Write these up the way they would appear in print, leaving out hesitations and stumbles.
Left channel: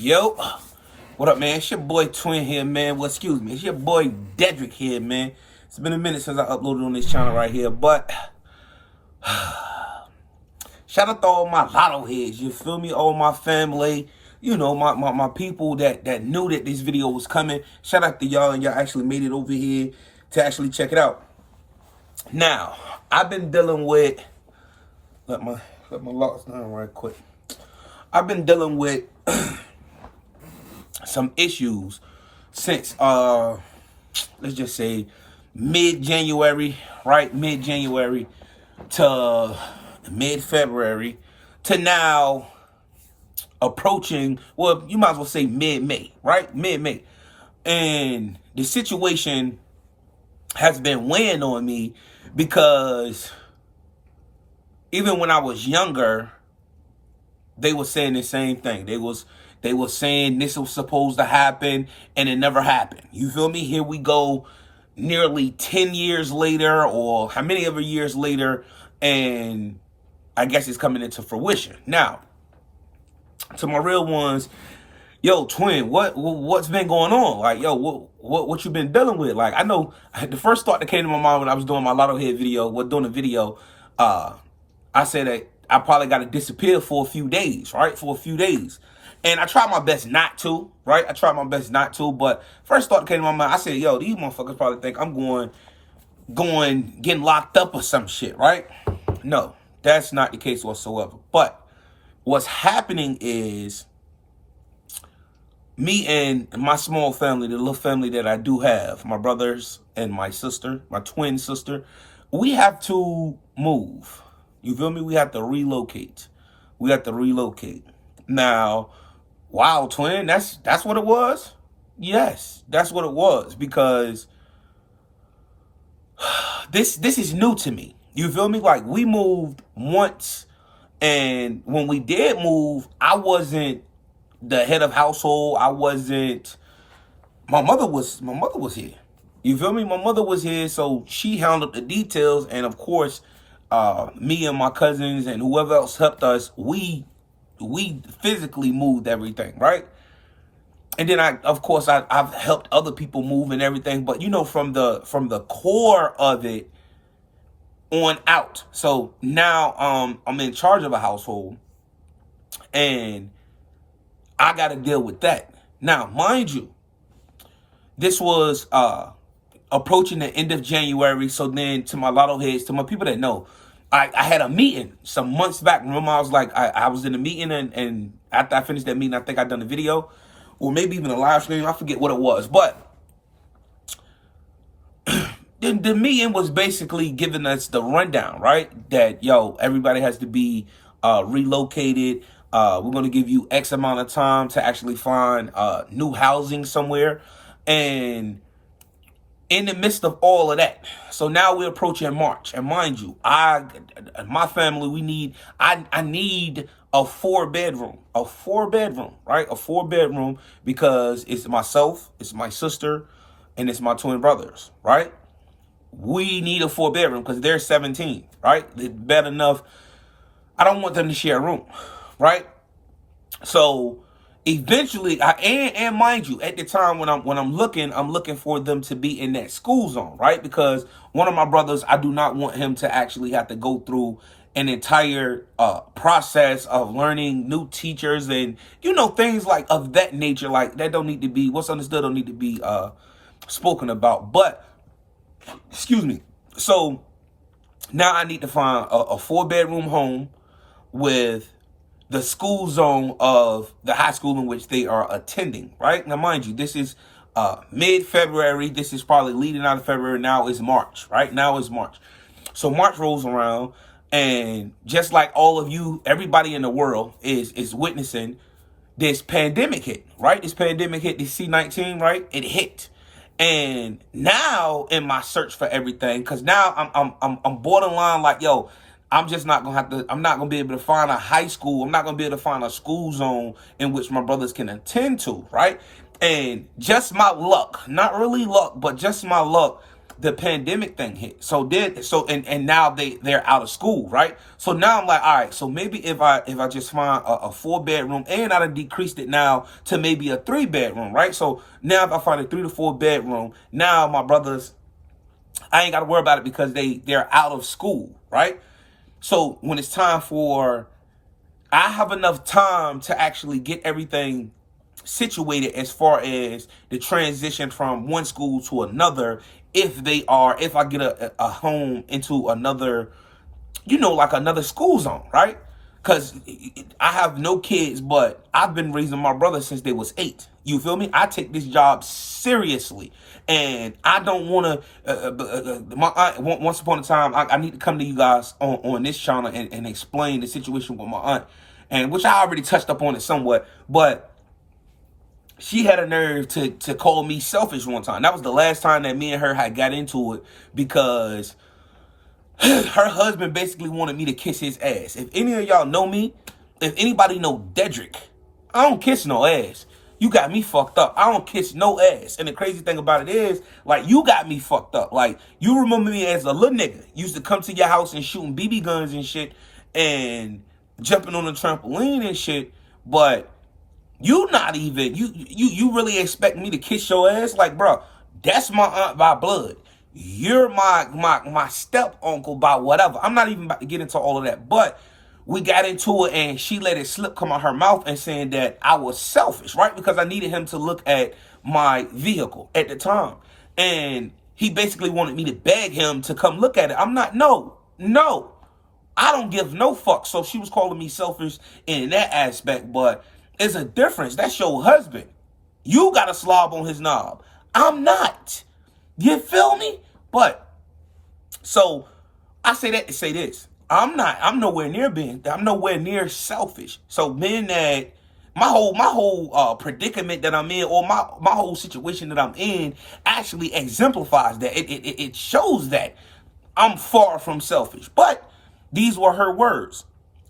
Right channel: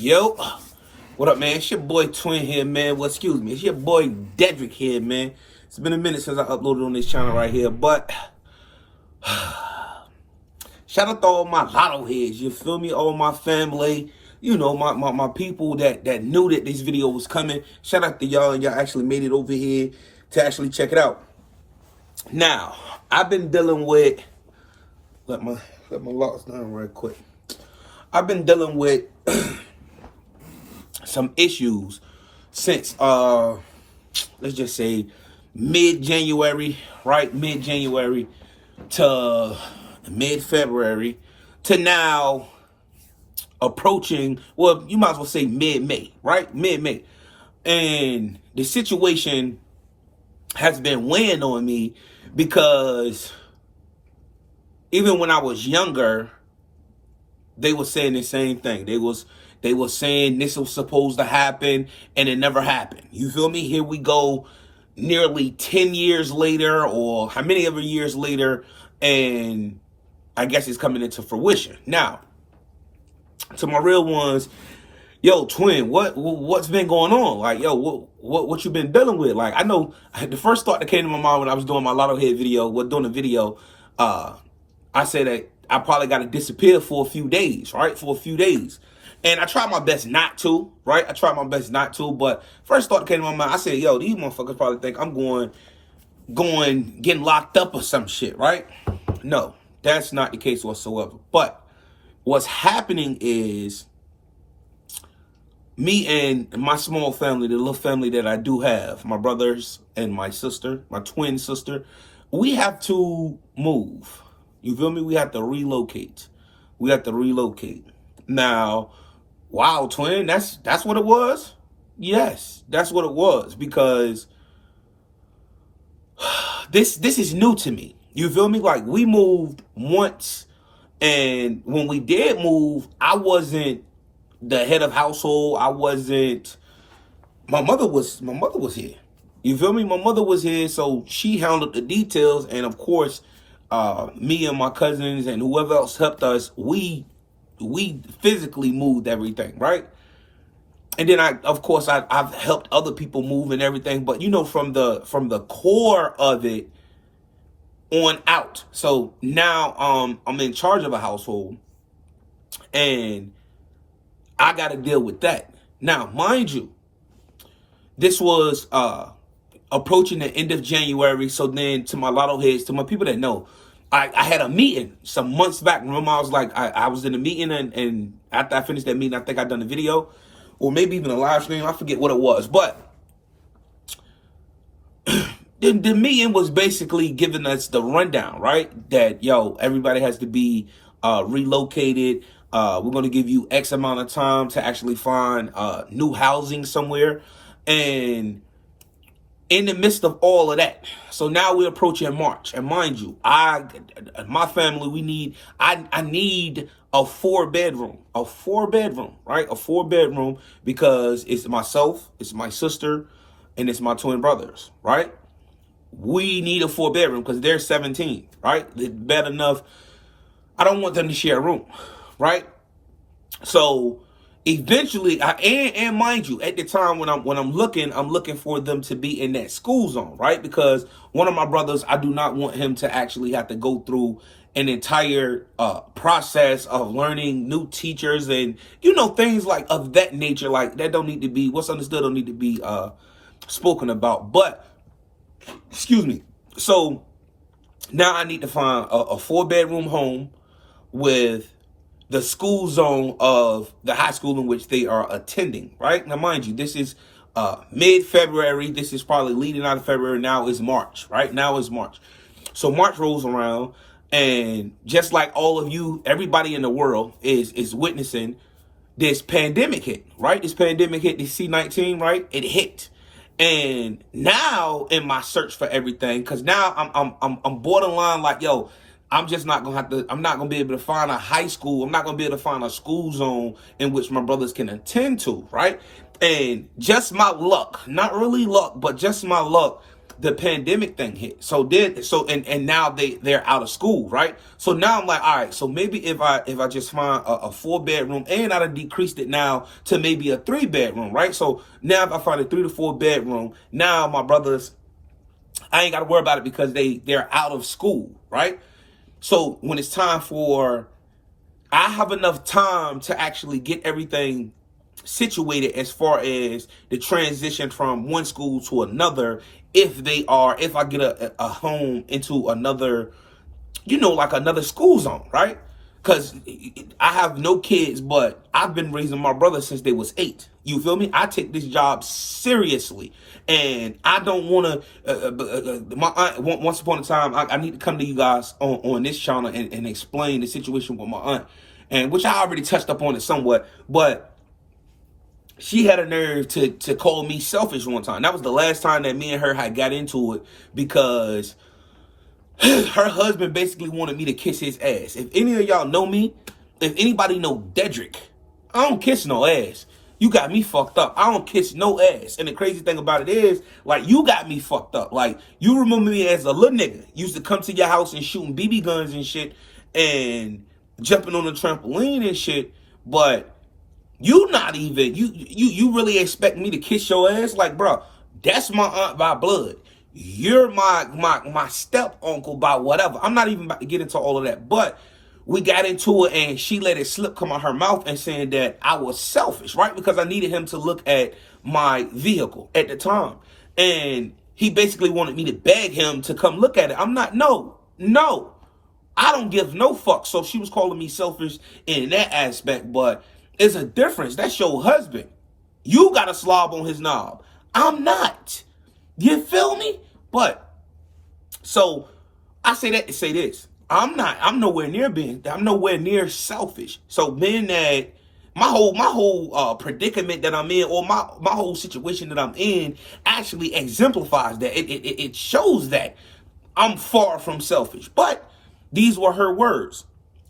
Yo, what up, man? It's your boy Twin here, man. Well, excuse me, it's your boy Dedrick here, man. It's been a minute since I uploaded on this channel right here, but shout out to all my lotto heads, you feel me? All my family, you know, my people that knew that this video was coming. Shout out to y'all, and y'all actually made it over here to actually check it out. Now, I've been dealing with, let my locks down right quick. I've been dealing with some issues since let's just say mid-January, right? Mid-January to mid-February to now approaching, well, you might as well say mid-May, right? Mid-May. And the situation has been weighing on me because even when I was younger, they were saying the same thing. They were saying this was supposed to happen, and it never happened. You feel me? Here we go, nearly 10 years later, or how many ever years later, and I guess it's coming into fruition. Now, to my real ones, yo, Twin, what's been going on? Like, yo, what you been dealing with? Like, I know the first thought that came to my mind when I was doing my Lotto Head video, doing the video, I said that I probably got to disappear for a few days, right? For a few days. And I tried my best not to, right? I tried my best not to, but first thought that came to my mind, I said, yo, these motherfuckers probably think I'm getting locked up or some shit, right? No, that's not the case whatsoever. But what's happening is me and my small family, the little family that I do have, my brothers and my sister, my twin sister, we have to move. You feel me? We have to relocate. We have to relocate. Now, wow, Twin, that's what it was? Yes, that's what it was, because this is new to me. You feel me? Like, we moved once, and when we did move, I wasn't the head of household. I wasn't, my mother was here. You feel me? My mother was here, so she handled the details, and of course, me and my cousins and whoever else helped us, we physically moved everything, right? And then I've helped other people move and everything, but you know, from the core of it on out. So now I'm in charge of a household, and I got to deal with that. Now, mind you, this was approaching the end of January. So then, to my lotto heads, to my people that know, I had a meeting some months back. Remember, I was like, I was in a meeting, and after I finished that meeting, I think I done a video, or maybe even a live stream. I forget what it was, but the meeting was basically giving us the rundown, right? That, yo, everybody has to be relocated. We're going to give you X amount of time to actually find new housing somewhere. And in the midst of all of that, so now we're approaching March. And mind you, my family, I need a four bedroom, right? A 4-bedroom, because it's myself, it's my sister, and it's my twin brothers, right? We need a 4-bedroom because they're 17, right? It's bad enough. I don't want them to share a room, right? So eventually, and mind you, at the time when I'm looking for them to be in that school zone, right? Because one of my brothers, I do not want him to actually have to go through an entire process of learning new teachers and, you know, things like of that nature. Like, that don't need to be, what's understood don't need to be spoken about. But excuse me. So now I need to find a 4-bedroom home with the school zone of the high school in which they are attending, right? Now, mind you, this is mid-February. This is probably leading out of February. Now is March, right? Now is March. So March rolls around, and just like all of you, everybody in the world is witnessing this pandemic hit, right? This pandemic hit, this C-19, right? It hit. And now in my search for everything, because now I'm borderline like, yo, I'm just not I'm not gonna be able to find a high school. I'm not gonna be able to find a school zone in which my brothers can attend to, right? And just my luck, not really luck, but just my luck, the pandemic thing hit. And now they're out of school, right? So now I'm like, all right, so maybe if I just find a 4-bedroom, and I'd have decreased it now to maybe a 3-bedroom, right? So now if I find a 3 to 4-bedroom, now my brothers, I ain't got to worry about it because they're out of school, right? So when it's time for, I have enough time to actually get everything situated as far as the transition from one school to another. If I get a home into another, like another school zone, right? Because I have no kids, but I've been raising my brother since they was 8. You feel me? I take this job seriously, and I don't want to. My aunt, once upon a time, I need to come to you guys on this channel and explain the situation with my aunt, and which I already touched up on it somewhat, but she had a nerve to call me selfish one time. That was the last time that me and her had got into it, because her husband basically wanted me to kiss his ass. If any of y'all know me, if anybody know Dedrick, I don't kiss no ass. You got me fucked up. I don't kiss no ass. And the crazy thing about it is, like, you got me fucked up. Like, you remember me as a little nigga. Used to come to your house and shooting BB guns and shit and jumping on the trampoline and shit. But you not even, you really expect me to kiss your ass? Like, bro, that's my aunt by blood. You're my step uncle by whatever. I'm not even about to get into all of that. But we got into it, and she let it slip come out her mouth and saying that I was selfish, right? Because I needed him to look at my vehicle at the time. And he basically wanted me to beg him to come look at it. I'm not, no. I don't give no fuck. So she was calling me selfish in that aspect, but it's a difference. That's your husband. You got a slob on his knob. I'm not. You feel me? But so I say that to say this. I'm nowhere near selfish. So being that my whole predicament that I'm in, or my whole situation that I'm in, actually exemplifies that. It shows that I'm far from selfish. But these were her words.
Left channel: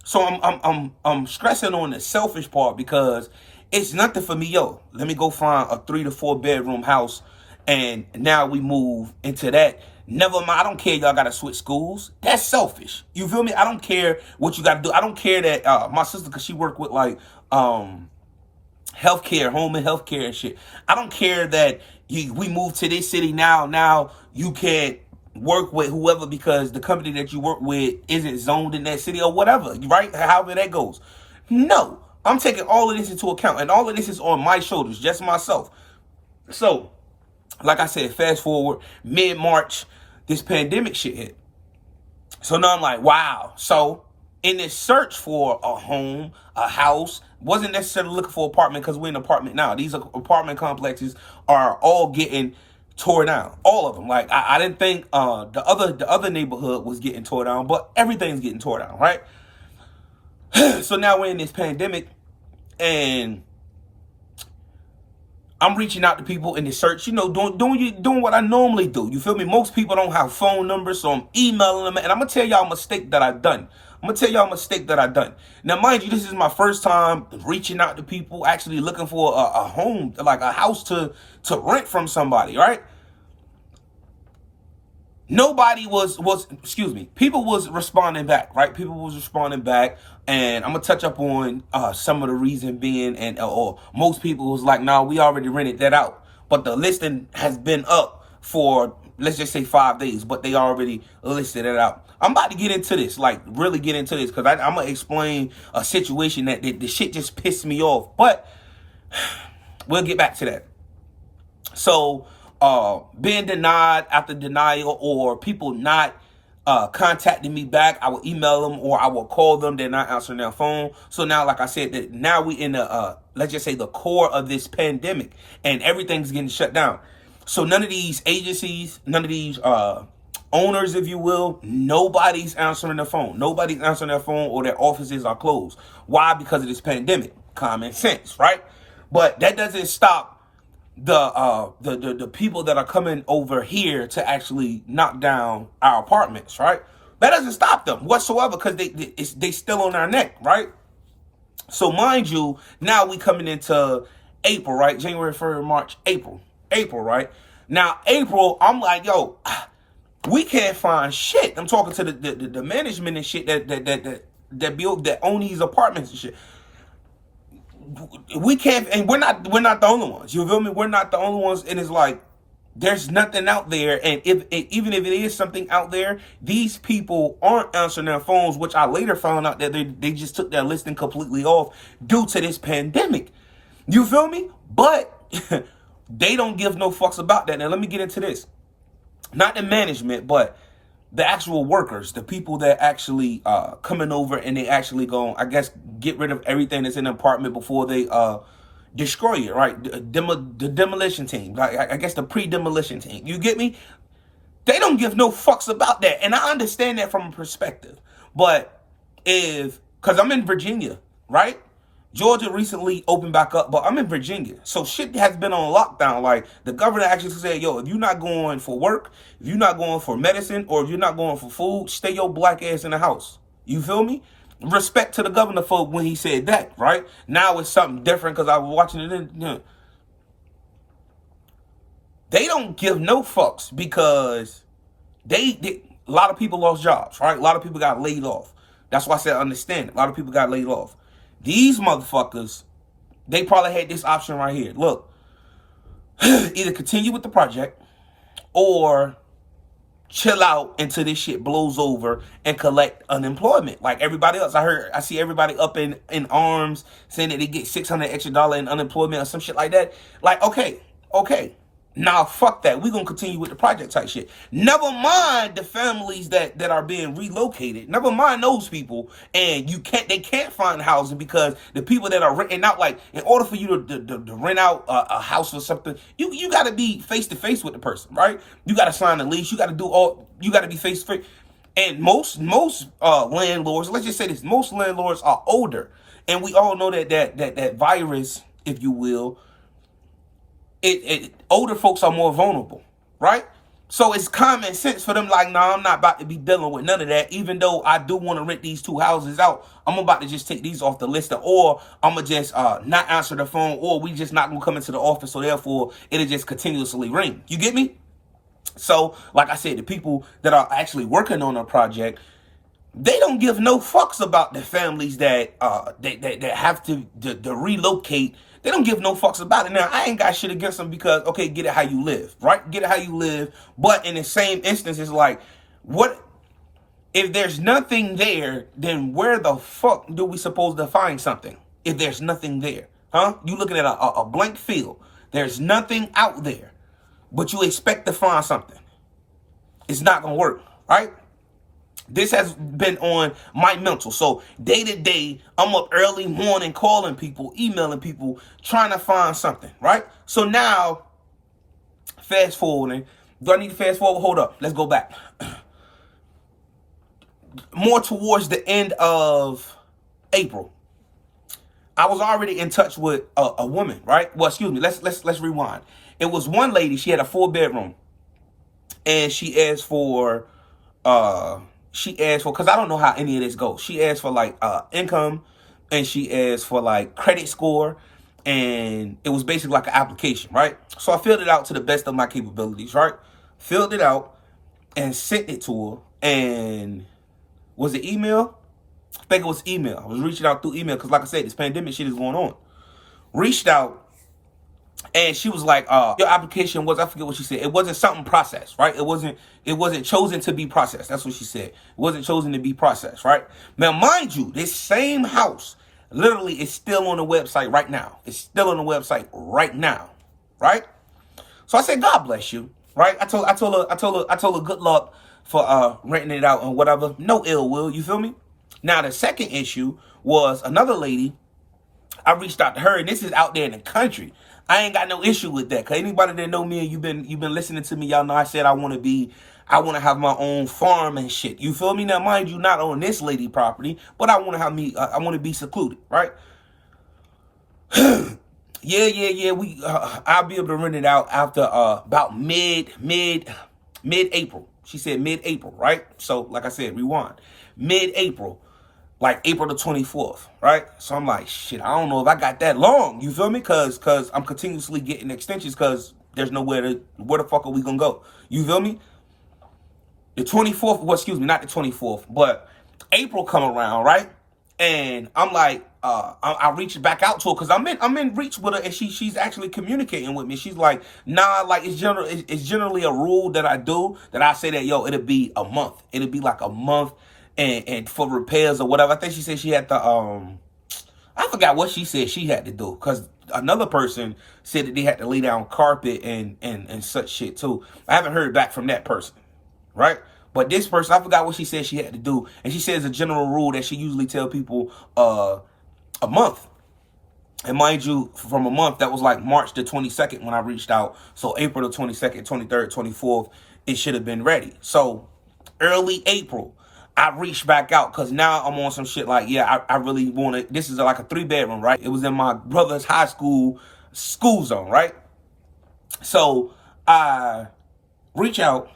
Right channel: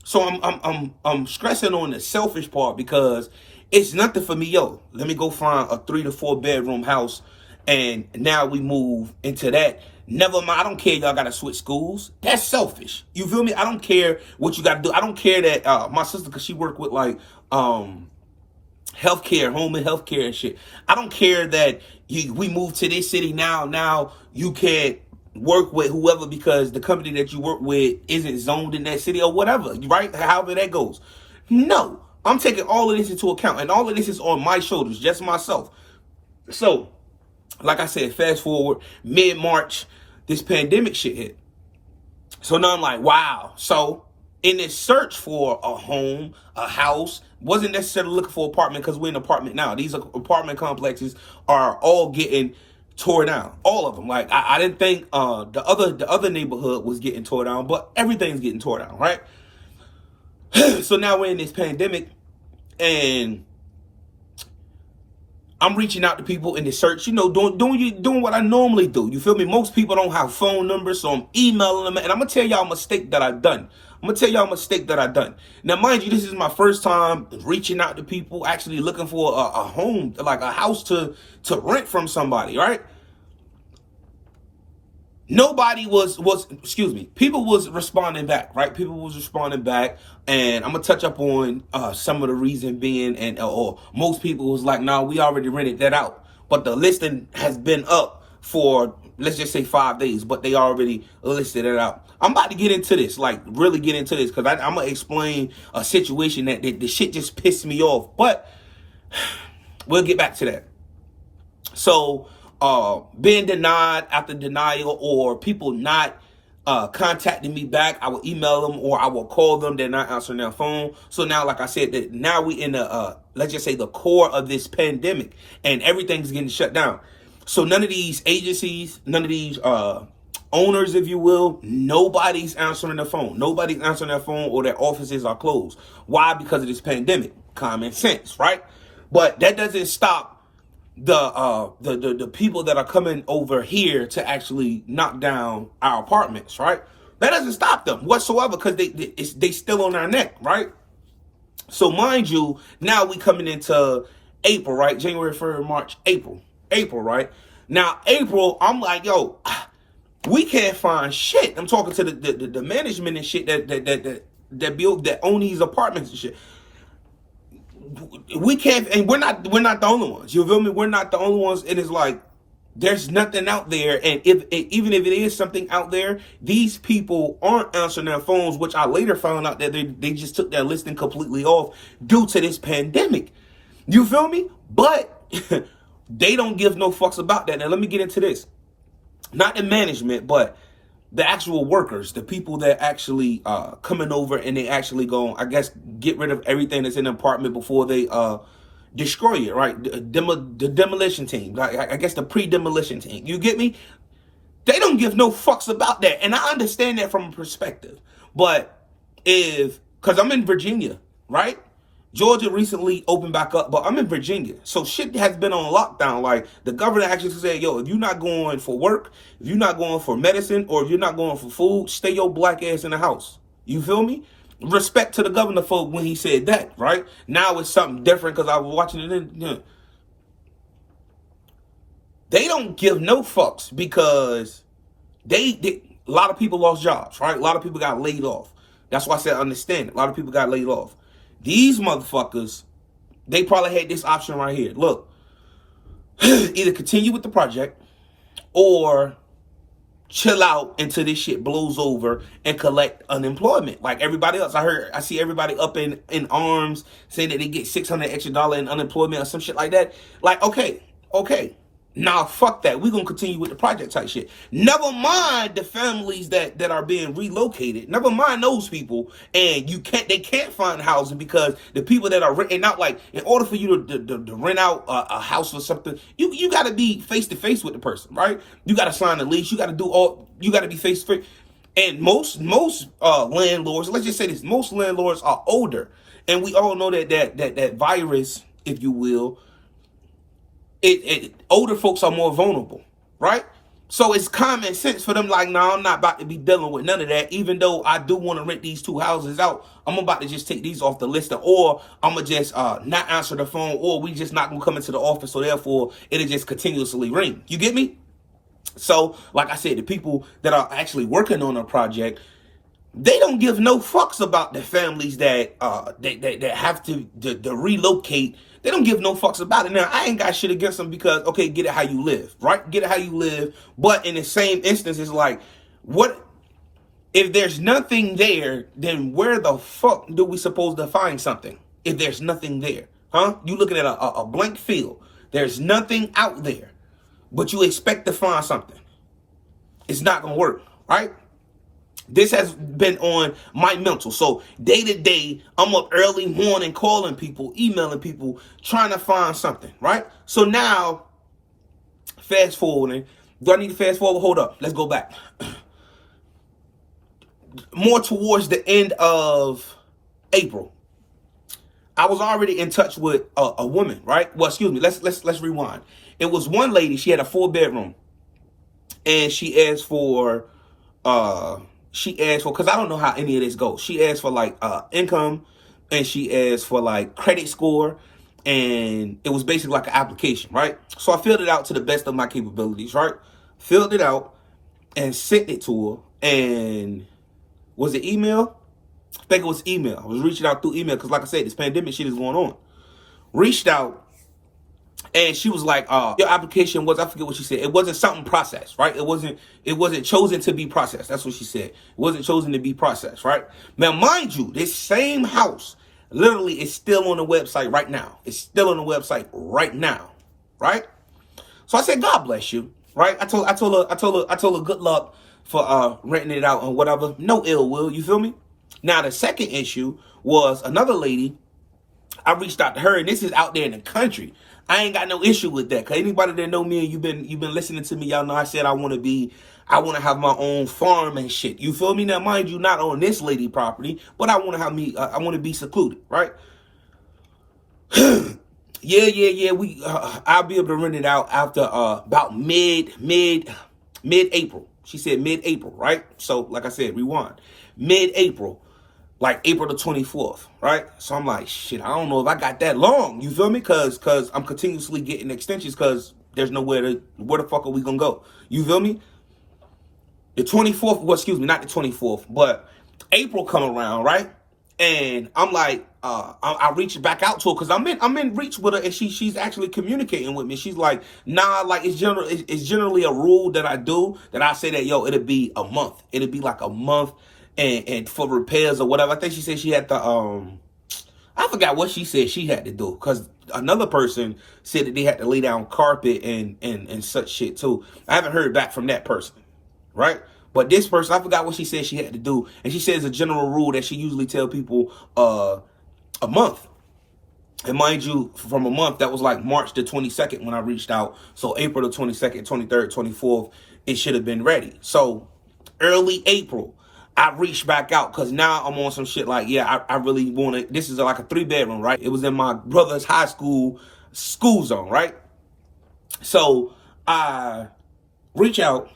So I'm stressing on the selfish part, because it's nothing for me. Yo, let me go find a 3 to 4-bedroom house, and now we move into that. Never mind, I don't care y'all gotta switch schools. That's selfish. You feel me? I don't care what you gotta do. I don't care that my sister, because she worked with like healthcare, home and healthcare and shit. I don't care that we moved to this city now you can't work with whoever because the company that you work with isn't zoned in that city or whatever, right? However that goes. No, I'm taking all of this into account, and all of this is on my shoulders, just myself. So, like I said, fast forward, mid-March, this pandemic shit hit. So now I'm like, wow. So in this search for a home, a house, wasn't necessarily looking for an apartment, because we're in an apartment now. These apartment complexes are all getting tore down, all of them. Like I didn't think the other neighborhood was getting tore down, but everything's getting tore down, right? So now we're in this pandemic, and I'm reaching out to people in the search, doing what I normally do. You feel me? Most people don't have phone numbers, so I'm emailing them. And I'm going to tell y'all a mistake that I've done. Now, mind you, this is my first time reaching out to people, actually looking for a home, like a house to rent from somebody, right? Nobody people was responding back, right? People was responding back, and I'm gonna touch up on some of the reason being, or most people was like, nah, we already rented that out, but the listing has been up for, let's just say 5 days, but they already listed it out. I'm about to get into this, like really get into this, because I'm gonna explain a situation that the shit just pissed me off, but we'll get back to that. So being denied after denial, or people not contacting me back, I will email them or I will call them. They're not answering their phone. So now, like I said, that now we in the let's just say the core of this pandemic, and everything's getting shut down. So none of these agencies, none of these owners, if you will, nobody's answering their phone. Nobody's answering their phone, or their offices are closed. Why? Because of this pandemic. Common sense, right? But that doesn't stop the people that are coming over here to actually knock down our apartments, right? That doesn't stop them whatsoever, because they still on our neck, right? So mind you, now we coming into April, right? January, February, March, April, right? Now April, I'm like, yo, We can't find shit. I'm talking to the management and shit that build, that own these apartments and shit. We can't, and we're not the only ones. You feel me? We're not the only ones. And it's like, there's nothing out there, and even if it is something out there, these people aren't answering their phones, which I later found out that they just took their listing completely off due to this pandemic. You feel me? But they don't give no fucks about that. Now let me get into this. Not the management, but the actual workers, the people that actually coming over, and they actually go, I guess, get rid of everything that's in the apartment before they destroy it, right? The demolition team, I guess the pre-demolition team. You get me? They don't give no fucks about that, and I understand that from a perspective. But because I'm in Virginia, right? Georgia recently opened back up, but I'm in Virginia. So shit has been on lockdown. Like, the governor actually said, yo, if you're not going for work, if you're not going for medicine, or if you're not going for food, stay your black ass in the house. You feel me? Respect to the governor for when he said that, right? Now it's something different because I was watching it. They don't give no fucks because a lot of people lost jobs, right? A lot of people got laid off. That's why I said understand it. A lot of people got laid off. These motherfuckers, they probably had this option right here. Look, either continue with the project or chill out until this shit blows over and collect unemployment like everybody else. I see everybody up in arms saying that they get $600 extra in unemployment or some shit like that. Like, okay. Nah, fuck that. We're gonna continue with the project type shit. Never mind the families that are being relocated. Never mind those people. And they can't find housing because the people that are renting out, like, in order for you to rent out a house or something, you gotta be face to face with the person, right? You gotta sign a lease, you gotta be face to face. And most landlords, let's just say this, most landlords are older. And we all know that virus, if you will, older folks are more vulnerable, right? So it's common sense for them, like, no, I'm not about to be dealing with none of that. Even though I do want to rent these 2 houses out, I'm about to just take these off the list, or I'm going to just not answer the phone, or we just not going to come into the office, so therefore it'll just continuously ring. You get me? So, like I said, the people that are actually working on a project, they don't give no fucks about the families that that have to relocate. They don't give no fucks about it. Now, I ain't got shit against them because, okay, get it how you live, right? Get it how you live. But in the same instance, it's like, what if there's nothing there? Then where the fuck do we supposed to find something if there's nothing there? Huh? You looking at a blank field. There's nothing out there, but you expect to find something. It's not gonna work, right? This has been on my mental. So day to day, I'm up early morning calling people, emailing people, trying to find something, right? So now, fast forwarding. Do I need to fast forward? Hold up. Let's go back. More towards the end of April, I was already in touch with a woman, right? Well, excuse me. Let's rewind. It was one lady. She had a 4-bedroom, and she asked for because I don't know how any of this goes. She asked for like income, and she asked for like credit score, and it was basically like an application, right? So I filled it out to the best of my capabilities, right? Filled it out and sent it to her. And was it email? I think it was email. I was reaching out through email because, like I said, this pandemic shit is going on. Reached out, and she was like, your application was, I forget what she said. It wasn't something processed, right? It wasn't chosen to be processed. That's what she said. It wasn't chosen to be processed, right? Now, mind you, this same house literally is still on the website right now. It's still on the website right now, right? So I said, God bless you, right? I told her good luck for renting it out and whatever. No ill will, you feel me? Now, the second issue was another lady. I reached out to her, and this is out there in the country. I ain't got no issue with that. Cause anybody that know me and you've been listening to me, y'all know I said I want to have my own farm and shit. You feel me? Now, mind you, not on this lady property, but I want to be secluded, right? Yeah. I'll be able to rent it out after about mid-April. She said mid-April, right? So, like I said, rewind. Mid-April. Like April the 24th, right? So I'm like, shit, I don't know if I got that long. You feel me? Cause I'm continuously getting extensions because there's where the fuck are we gonna go? You feel me? The 24th, well, excuse me, not the 24th, but April come around, right? And I'm like, I reach back out to her because I'm in reach with her, and she's actually communicating with me. She's like, nah, like it's generally a rule that I do, that I say that, yo, it'll be a month. It'll be like a month, and for repairs or whatever. I think she said she had to I forgot what she said she had to do, because another person said that they had to lay down carpet and such shit too. I haven't heard back from that person, right? But this person, I forgot what she said she had to do, and she says a general rule that she usually tell people a month. And mind you, from a month, that was like March the 22nd when I reached out. So April the 22nd, 23rd, 24th, it should have been ready. So early April, I reached back out because now I'm on some shit like, yeah, I really want to. This is like a 3-bedroom, right? It was in my brother's high school zone, right? So I reach out,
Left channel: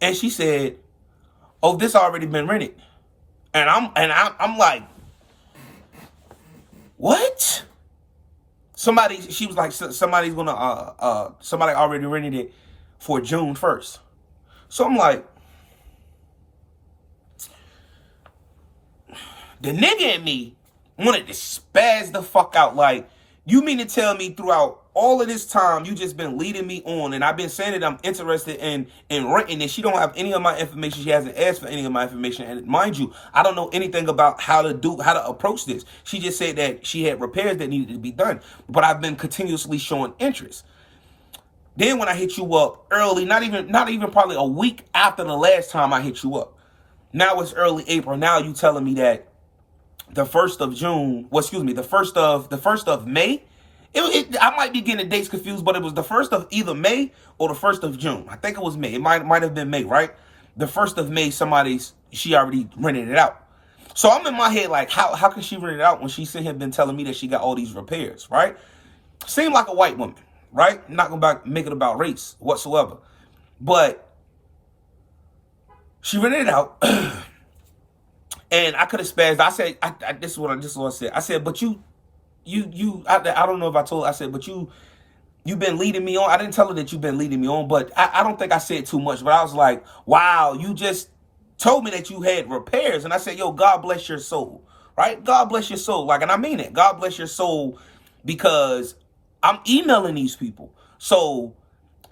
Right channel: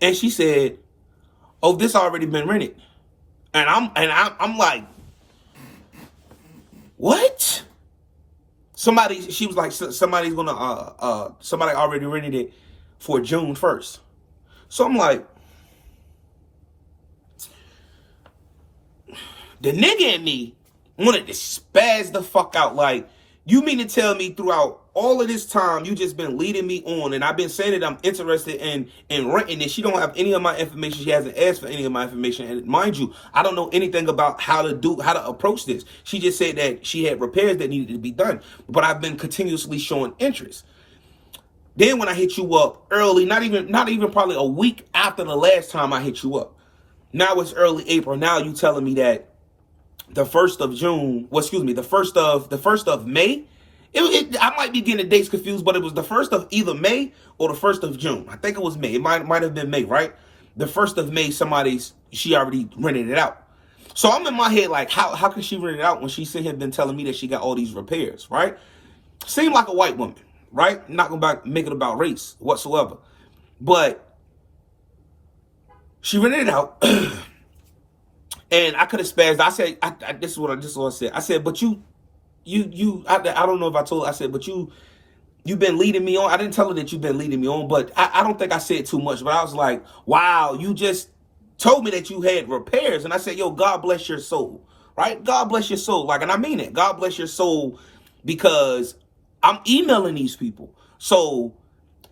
and she said, "Oh, this already been rented," and I'm like, "What?" She was like, somebody's gonna somebody already rented it for June 1st. So I'm like, the nigga in me wanted to spaz the fuck out. Like, you mean to tell me throughout all of this time you just been leading me on, and I've been saying that I'm interested in renting it. She don't have any of my information. She hasn't asked for any of my information. And mind you, I don't know anything about how to approach this. She just said that she had repairs that needed to be done. But I've been continuously showing interest. Then when I hit you up early, not even probably a week after the last time I hit you up. Now it's early April. Now you telling me that the 1st of June, well, excuse me, the first of May. I might be getting the dates confused, but it was the 1st of either May or the 1st of June. I think it was May. It might have been May, right? The 1st of May, she already rented it out. So I'm in my head like, how can she rent it out when she had been telling me that she got all these repairs, right? Seemed like a white woman, right? I'm not gonna make it about race whatsoever, but she rented it out. And I could have spazzed. I said, this is what I said. I said, but I don't know if I told her. I said, but you've been leading me on. I didn't tell her that you've been leading me on, but I don't think I said too much. But I was like, wow, you just told me that you had repairs. And I said, yo, God bless your soul, right? God bless your soul. Like, and I mean it. God bless your soul, because I'm emailing these people. So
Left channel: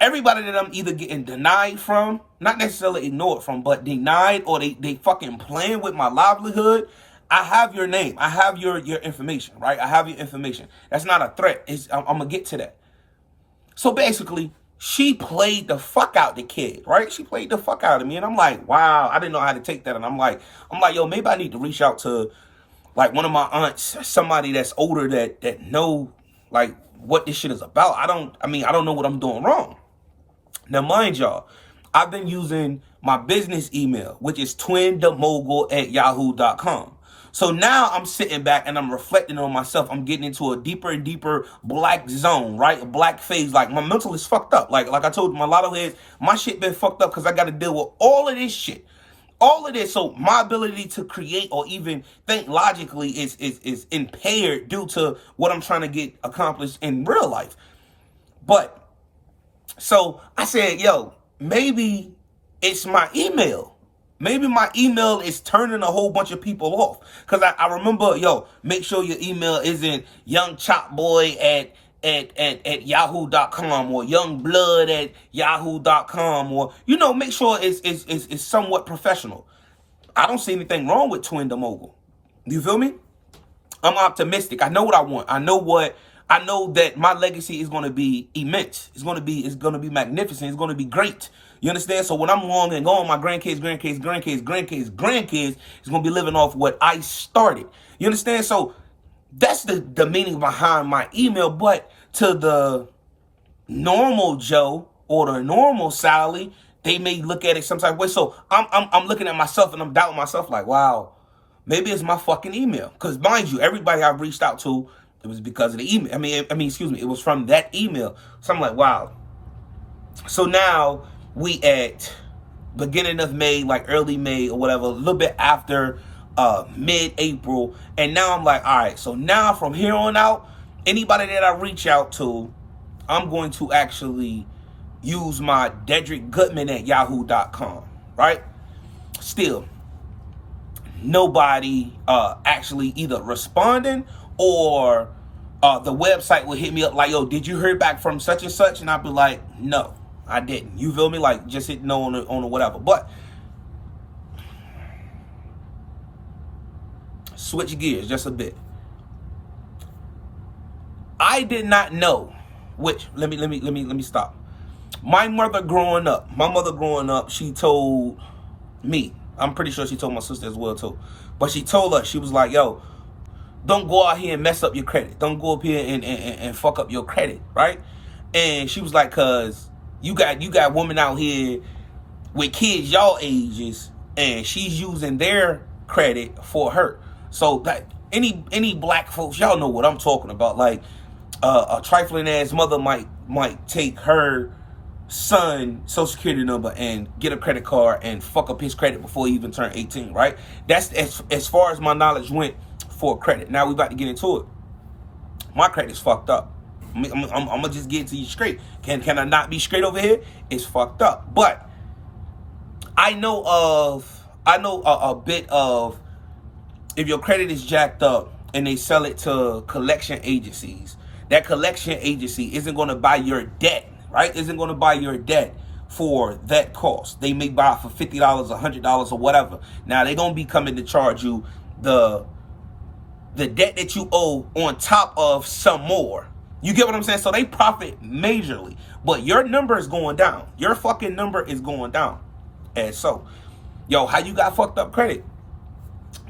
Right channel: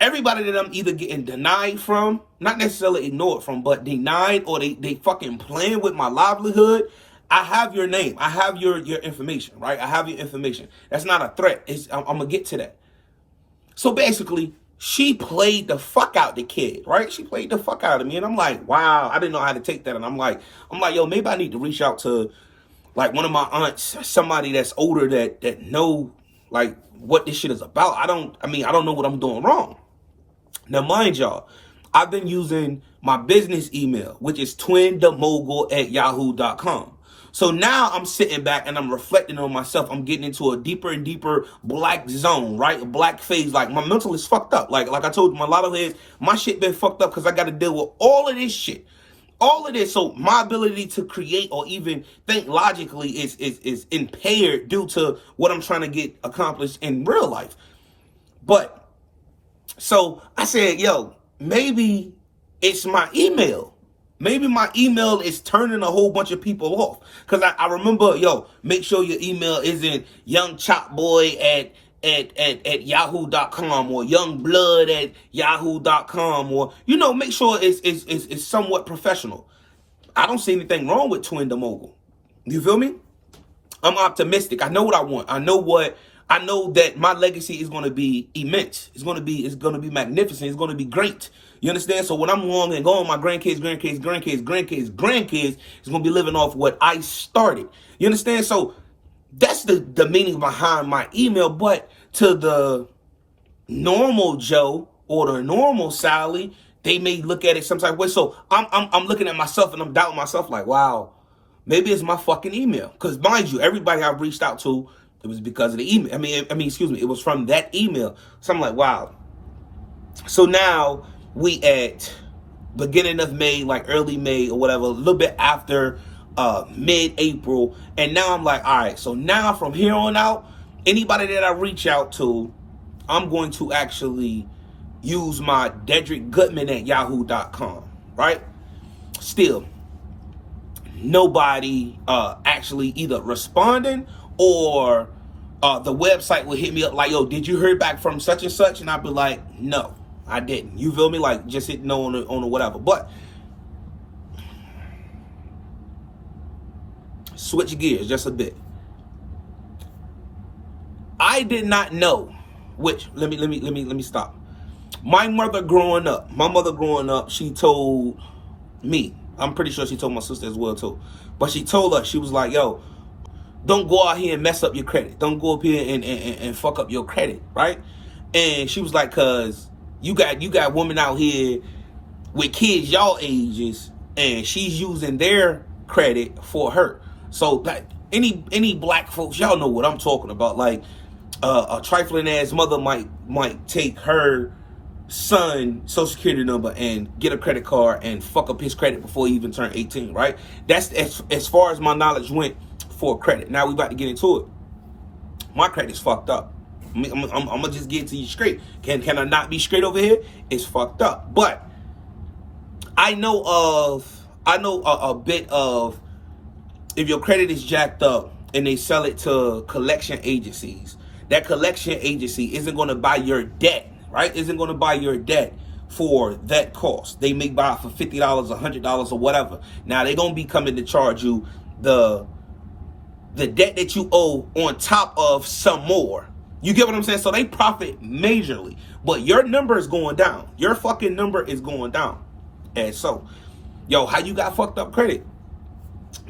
everybody that I'm either getting denied from, not necessarily ignored from, but denied, or they fucking playing with my livelihood, I have your name. I have your information, right? I have your information. That's not a threat. I'm going to get to that. So basically, she played the fuck out the kid, right? She played the fuck out of me. And I'm like, wow, I didn't know how to take that. And I'm like, yo, maybe I need to reach out to like one of my aunts, somebody that's older that know like what this shit is about. I don't know what I'm doing wrong. Now, mind y'all, I've been using my business email, which is twindemogul@yahoo.com. So now I'm sitting back and I'm reflecting on myself. I'm getting into a deeper and deeper black zone, right? A black phase. Like, my mental is fucked up. Like I told you, my lotto heads, my shit been fucked up because I got to deal with all of this shit. All of this. So my ability to create or even think logically is impaired due to what I'm trying to get accomplished in real life. But so I said, yo, maybe it's my email. Maybe my email is turning a whole bunch of people off. Because I remember, yo, make sure your email isn't youngchopboy at yahoo.com or youngblood@yahoo.com, or, make sure it's somewhat professional. I don't see anything wrong with Twin the Mogul. You feel me? I'm optimistic. I know what I want. I know that my legacy is going to be immense. It's going to be magnificent. It's going to be great. You understand? So when I'm long and gone, my grandkids is going to be living off what I started. You understand? So that's the meaning behind my email. But to the normal Joe or the normal Sally, they may look at it some type of way. So I'm looking at myself and I'm doubting myself like, wow, maybe it's my fucking email. Because mind you, everybody I've reached out to, it was because of the email. It was from that email. So I'm like, wow. So now we at beginning of May, like early May or whatever, a little bit after mid-April. And now I'm like, all right, so now from here on out, anybody that I reach out to, I'm going to actually use my Dedrick Goodman at yahoo.com, right? still, nobody actually either responding or the website would hit me up like, yo, did you hear back from such and such? And I'd be like, no, I didn't. You feel me? Like, just hit no on the whatever. But switch gears just a bit. I did not know, which let me stop. My mother growing up, she told me, I'm pretty sure she told my sister as well too, but she told us, she was like, yo, don't go out here and mess up your credit. Don't go up here and fuck up your credit, right? And she was like, cause you got women out here with kids y'all ages, and she's using their credit for her. So like any black folks, y'all know what I'm talking about. Like a trifling ass mother might take her son social security number and get a credit card and fuck up his credit before he even turned 18, right? That's as far as my knowledge went for credit. Now we about to get into it. My credit's fucked up. I'm gonna just get to you straight. Can I not be straight over here? It's fucked up. But I know a bit of, if your credit is jacked up and they sell it to collection agencies, that collection agency isn't going to buy your debt, right? Isn't going to buy your debt for that cost. They may buy it for $50, $100 or whatever. Now they're going to be coming to charge you the debt that you owe on top of some more. You get what I'm saying? So they profit majorly, but your number is going down. Your fucking number is going down. And so, yo, how you got fucked up credit?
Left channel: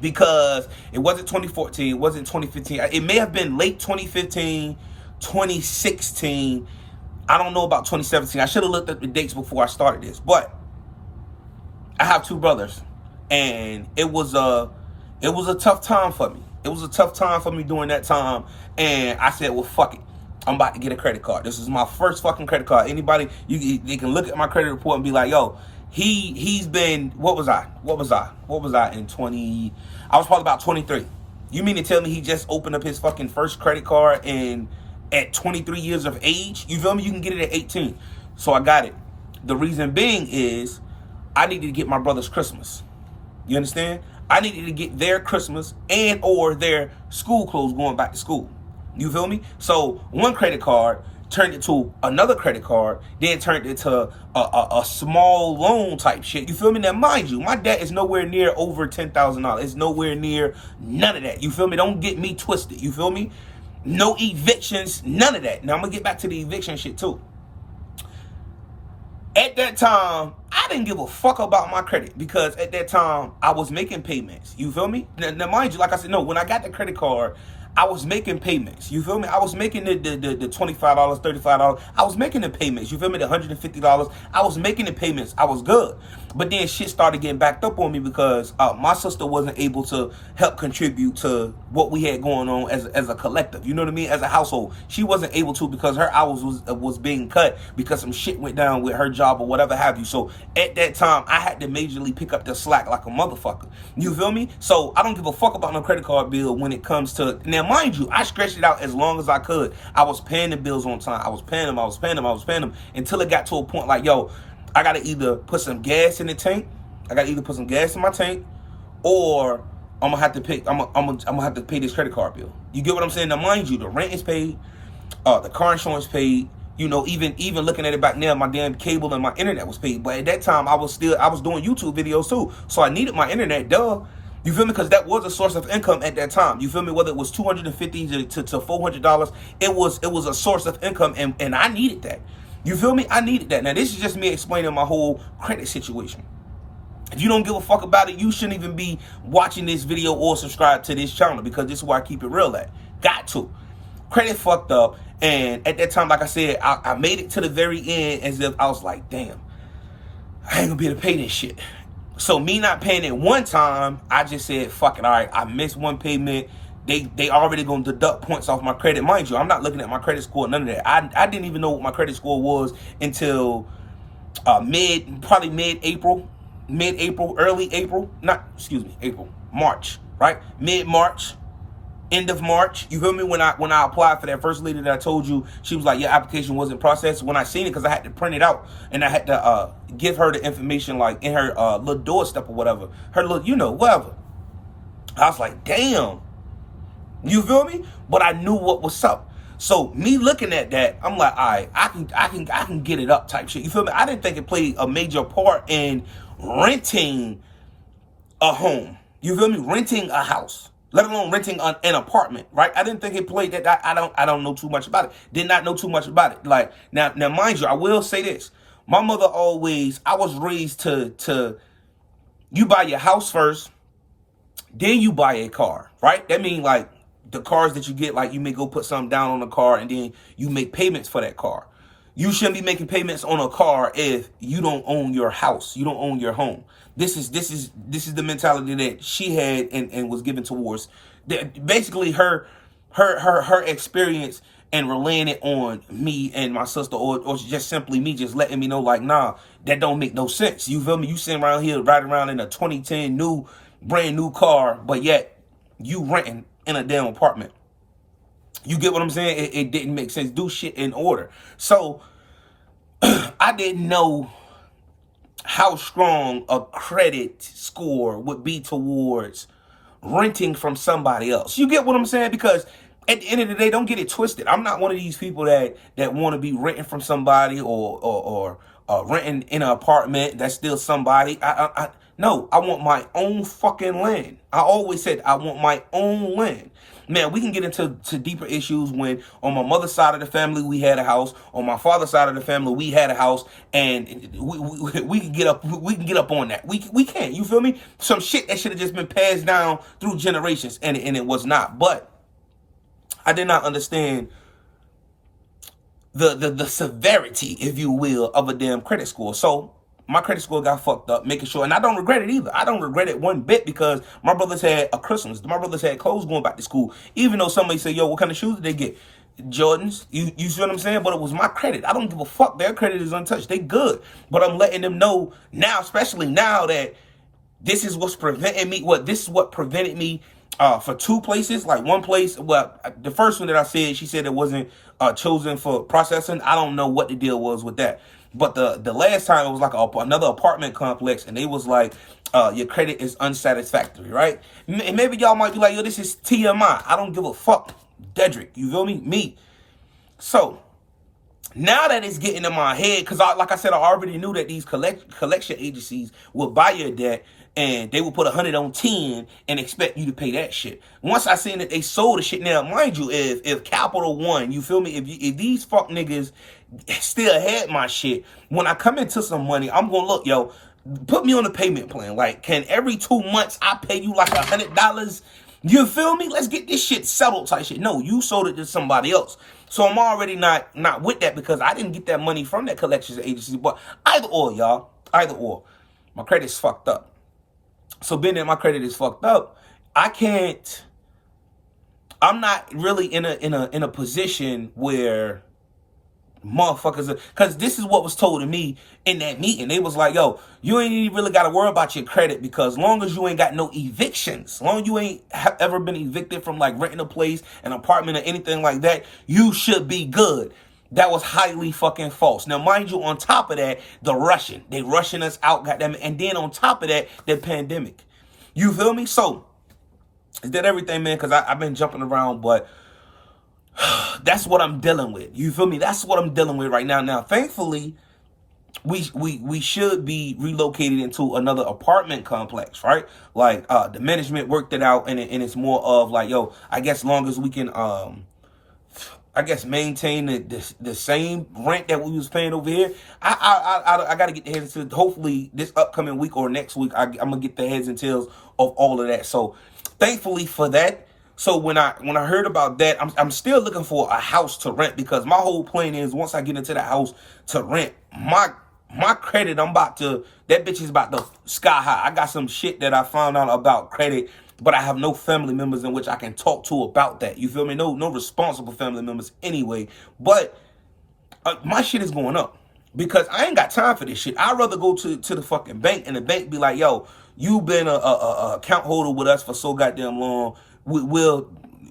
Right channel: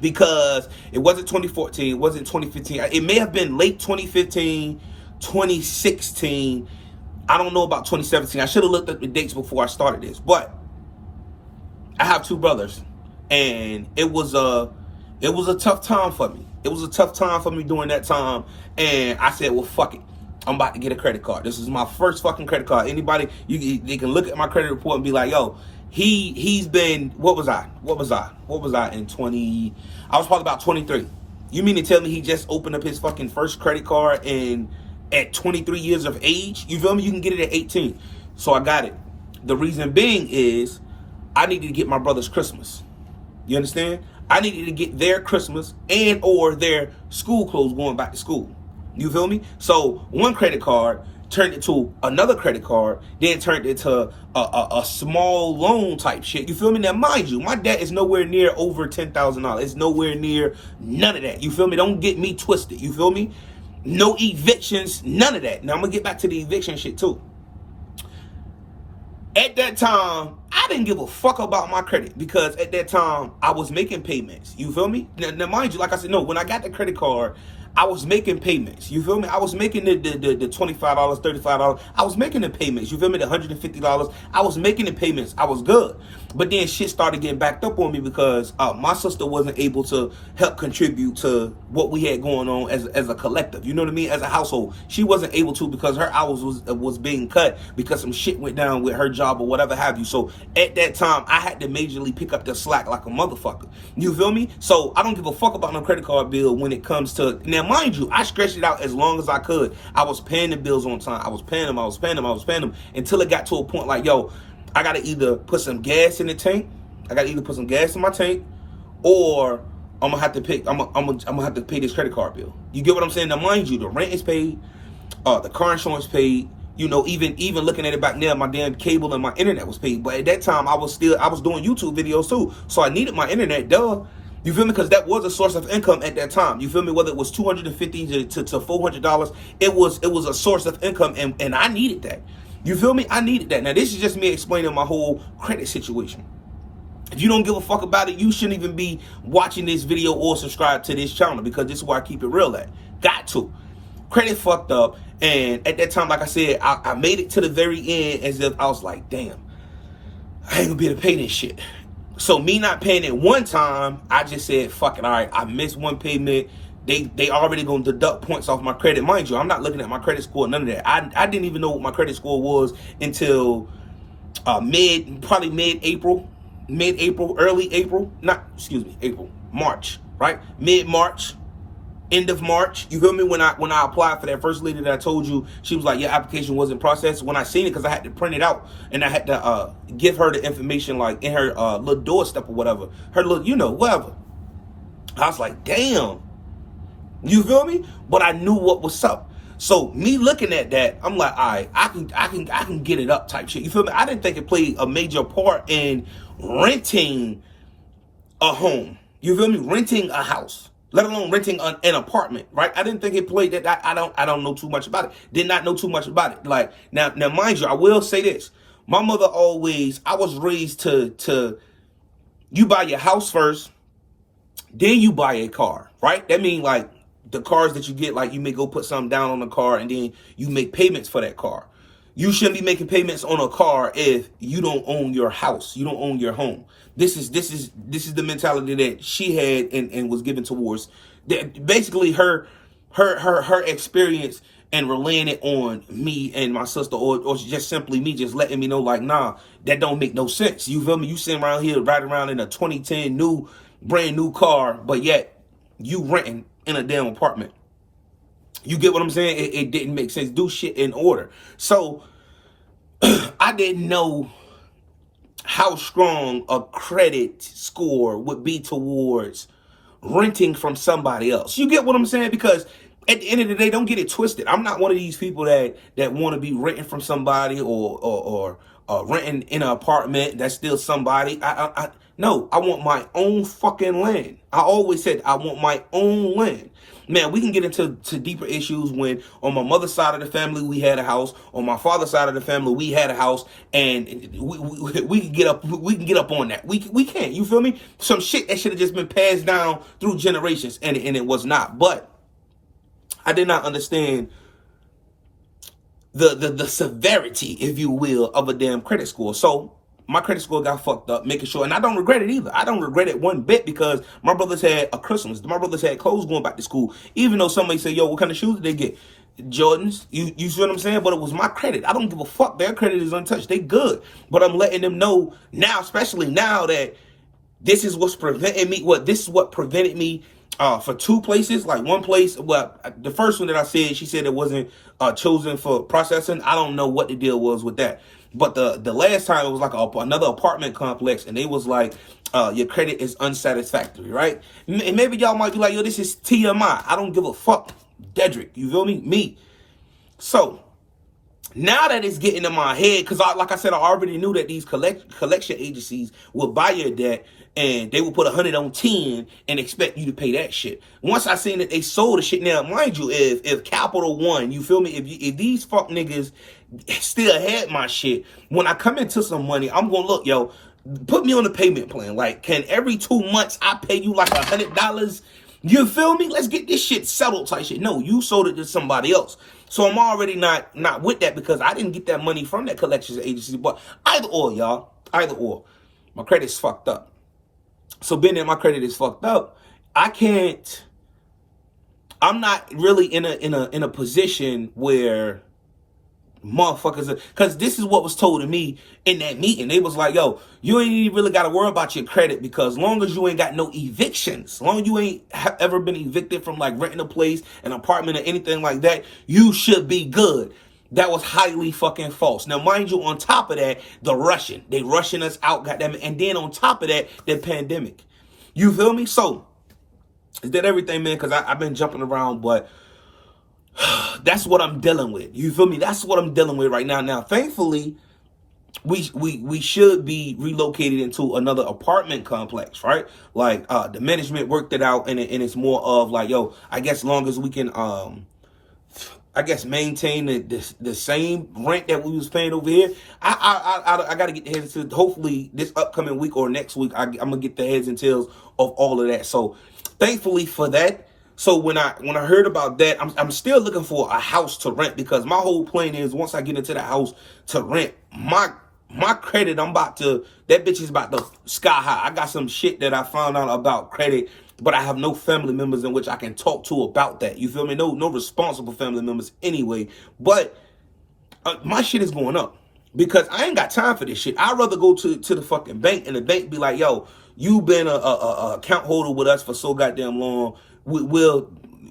Because it wasn't 2014, it wasn't 2015. It may have been late 2015, 2016. I don't know about 2017. I should have looked at the dates before I started this. But I have two brothers, and it was a tough time for me. It was a tough time for me during that time, and I said, well, fuck it. I'm about to get a credit card. This is my first fucking credit card. Anybody, they can look at my credit report and be like, yo, he's been, what was I in 20, I was probably about 23. You mean to tell me he just opened up his fucking first credit card at 23 years of age? You feel me? You can get it at 18. So I got it. The reason being is I needed to get my brother's Christmas. You understand? I needed to get their Christmas and or their school clothes going back to school. You feel me? So one credit card turned into another credit card, then turned into a small loan type shit. You feel me? Now, mind you, my debt is nowhere near over $10,000. It's nowhere near none of that. You feel me? Don't get me twisted. You feel me? No evictions, none of that. Now, I'm going to get back to the eviction shit too. At that time, I didn't give a fuck about my credit because at that time, I was making payments. You feel me? Now mind you, like I said, no, when I got the credit card, I was making payments. You feel me? I was making the $25, $35. I was making the payments. You feel me? The $150. I was making the payments. I was good. But then shit started getting backed up on me because my sister wasn't able to help contribute to what we had going on as a collective. You know what I mean? As a household. She wasn't able to because her hours was being cut because some shit went down with her job or whatever have you. So at that time, I had to majorly pick up the slack like a motherfucker. You feel me? So I don't give a fuck about no credit card bill when it comes to... Now, mind you, I stretched it out as long as I could. I was paying the bills on time. I was paying them until it got to a point like, yo, I got to either put some gas in the tank. I got to either put some gas in my tank, or I'm gonna have to pay. I'm gonna have to pay this credit card bill. You get what I'm saying? Now, mind you, the rent is paid, the car insurance paid. You know, even looking at it back now, my damn cable and my internet was paid. But at that time, I was doing YouTube videos too, so I needed my internet. Duh. You feel me? Because that was a source of income at that time. You feel me? Whether it was $250 to $400, it was a source of income, and I needed that. You feel me? I needed that. Now, this is just me explaining my whole credit situation. If you don't give a fuck about it, you shouldn't even be watching this video or subscribe to this channel, because this is where I keep it real at. Got to. Credit fucked up. And at that time, like I said, I made it to the very end as if I was like, damn, I ain't gonna be able to pay this shit. So me not paying it one time, I just said, fuck it, all right, I missed one payment. They already gonna deduct points off my credit. Mind you, I'm not looking at my credit score, none of that. I didn't even know what my credit score was until probably mid-April, early April, April, March, right? Mid-March, end of March. You feel me? When I applied for that first lady that I told you, she was like, your application wasn't processed. When I seen it, because I had to print it out and I had to give her the information like in her little doorstep or whatever, her little, whatever. I was like, damn. You feel me? But I knew what was up. So me looking at that, I'm like, all right, I can get it up type shit. You feel me? I didn't think it played a major part in renting a home. You feel me? Renting a house, let alone renting an apartment, right? I didn't think it played that. I don't know too much about it. Did not know too much about it. Like now, mind you, I will say this. My mother always, I was raised to you buy your house first, then you buy a car, right? That means like the cars that you get, like you may go put something down on the car and then you make payments for that car. You shouldn't be making payments on a car if you don't own your house. You don't own your home. This is the mentality that she had and was given towards basically her experience and relaying it on me and my sister, or just simply me just letting me know like, nah, that don't make no sense. You feel me? You sitting around here riding around in a 2010 brand new car, but yet you renting in a damn apartment. You get what I'm saying? It didn't make sense. Do shit in order. So I didn't know how strong a credit score would be towards renting from somebody else. You get what I'm saying? Because at the end of the day, don't get it twisted. I'm not one of these people that want to be renting from somebody or renting in an apartment that's still somebody. No, I want my own fucking land. I always said I want my own land. Man, we can get into deeper issues when on my mother's side of the family we had a house, on my father's side of the family we had a house, and we can get up on that. We can't. You feel me? Some shit that should have just been passed down through generations, and it was not. But I did not understand the severity, if you will, of a damn credit score. So my credit score got fucked up, making sure, and I don't regret it either. I don't regret it one bit because my brothers had a Christmas. My brothers had clothes going back to school. Even though somebody said, yo, what kind of shoes did they get? Jordans. You see what I'm saying? But it was my credit. I don't give a fuck. Their credit is untouched. They good. But I'm letting them know now, especially now, that this is what's preventing me. This is what prevented me for two places. Like one place, well, the first one that I said, she said it wasn't chosen for processing. I don't know what the deal was with that. But the last time it was like another apartment complex, and they was like, your credit is unsatisfactory, right? And maybe y'all might be like, yo, this is TMI. I don't give a fuck. Dedrick, you feel me? Me. So now that it's getting in my head, because like I said, I already knew that these collection agencies will buy your debt and they will put 100 on 10 and expect you to pay that shit. Once I seen that they sold the shit, now mind you, if Capital One, you feel me? If these fuck niggas still had my shit, when I come into some money, I'm gonna look, yo, put me on a payment plan. Like, can every 2 months I pay you like $100? You feel me? Let's get this shit settled type shit. No, you sold it to somebody else. So I'm already not with that because I didn't get that money from that collections agency. But either or, y'all. Either or. My credit's fucked up. So being that my credit is fucked up, I'm not really in a position where motherfuckers, because this is what was told to me in that meeting. They was like, yo, you ain't even really got to worry about your credit, because long as you ain't got no evictions, long as you ain't ever been evicted from like renting a place, an apartment, or anything like that, you should be good. That was highly fucking false. Now, mind you, on top of that, they rushing us out, goddamn it. And then on top of that, the pandemic. You feel me? So, is that everything, man? Because I've been jumping around, but that's what I'm dealing with. You feel me? That's what I'm dealing with right now. Now, thankfully, we should be relocated into another apartment complex, right? Like, the management worked it out, and it's more of like, yo, I guess long as we can, maintain the same rent that we was paying over here. I got to get the heads and tails. Hopefully, this upcoming week or next week, I'm gonna get the heads and tails of all of that. So, thankfully for that. So when I heard about that, I'm still looking for a house to rent, because my whole plan is once I get into the house to rent, my credit, that bitch is about to sky high. I got some shit that I found out about credit, but I have no family members in which I can talk to about that. You feel me? No responsible family members anyway. But my shit is going up because I ain't got time for this shit. I'd rather go to the fucking bank, and the bank be like, yo, you been a account holder with us for so goddamn long.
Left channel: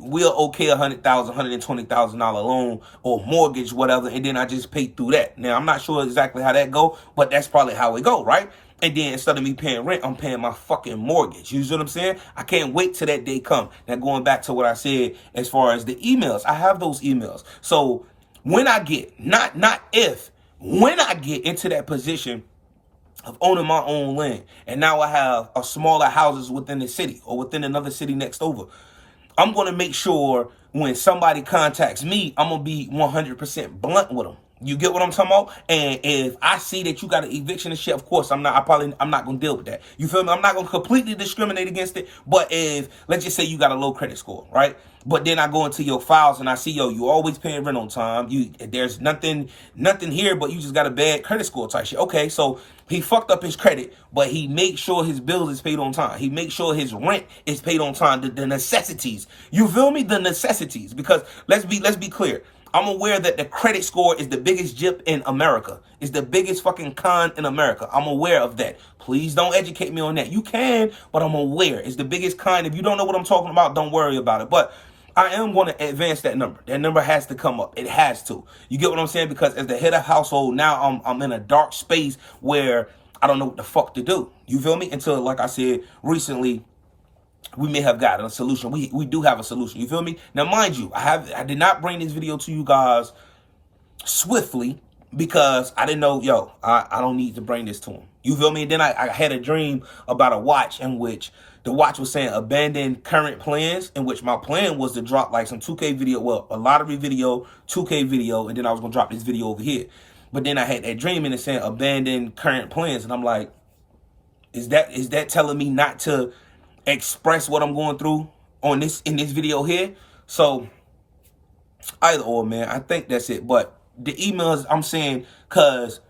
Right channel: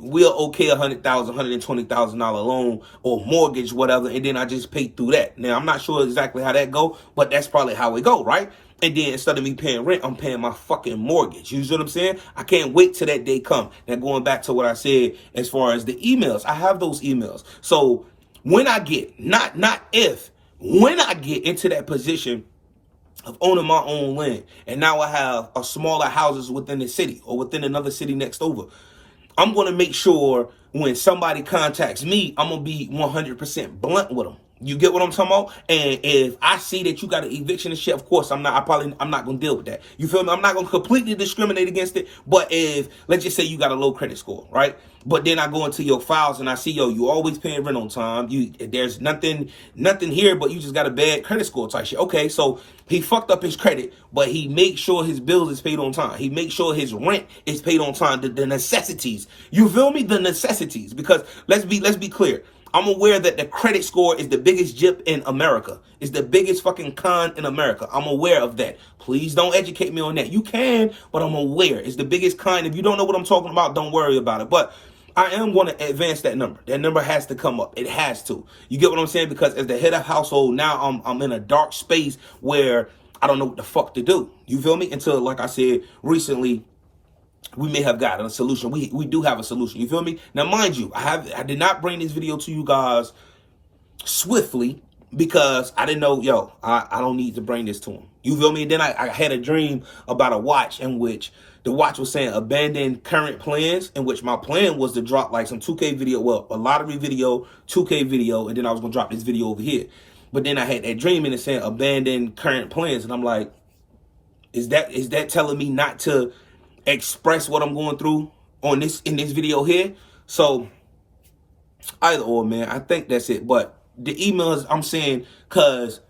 we'll okay $100,000, $120,000 loan or mortgage, whatever, and then I just pay through that. Now I'm not sure exactly how that go, but that's probably how it go, right? And then instead of me paying rent, I'm paying my fucking mortgage. You see what I'm saying? I can't wait till that day come. Now going back to what I said as far as the emails, I have those emails. So when I get, not if, when I get into that position of owning my own land, and now I have a smaller houses within the city or within another city next over, I'm going to make sure when somebody contacts me, I'm going to be 100% blunt with them. You get what I'm talking about? And if I see that you got an eviction and shit, of course, I'm not going to deal with that. You feel me? I'm not going to completely discriminate against it. But if, let's just say you got a low credit score, right? But then I go into your files and I see, yo, you always paying rent on time. There's nothing here, but you just got a bad credit score type shit. Okay, so he fucked up his credit, but he makes sure his bills is paid on time. He makes sure his rent is paid on time. The necessities. You feel me? The necessities. Because let's be clear. I'm aware that the credit score is the biggest jip in America. It's the biggest fucking con in America. I'm aware of that. Please don't educate me on that. You can, but I'm aware. It's the biggest con. If you don't know what I'm talking about, don't worry about it. But I am going to advance that number. That number has to come up. It has to. You get what I'm saying? Because as the head of household, now I'm in a dark space where I don't know what the fuck to do. You feel me? Until, like I said recently, we may have gotten a solution. We do have a solution. You feel me? Now, mind you, I did not bring this video to you guys swiftly because I didn't know, yo, I don't need to bring this to him. You feel me? And then I had a dream about a watch in which the watch was saying abandon current plans, in which my plan was to drop like some 2K video, well, a lottery video, 2K video, and then I was going to drop this video over here. But then I had that dream and it's saying abandon current plans. And I'm like, is that telling me not to express what I'm going through in this video here? So either or, man, I think that's it. But the emails I'm saying, cause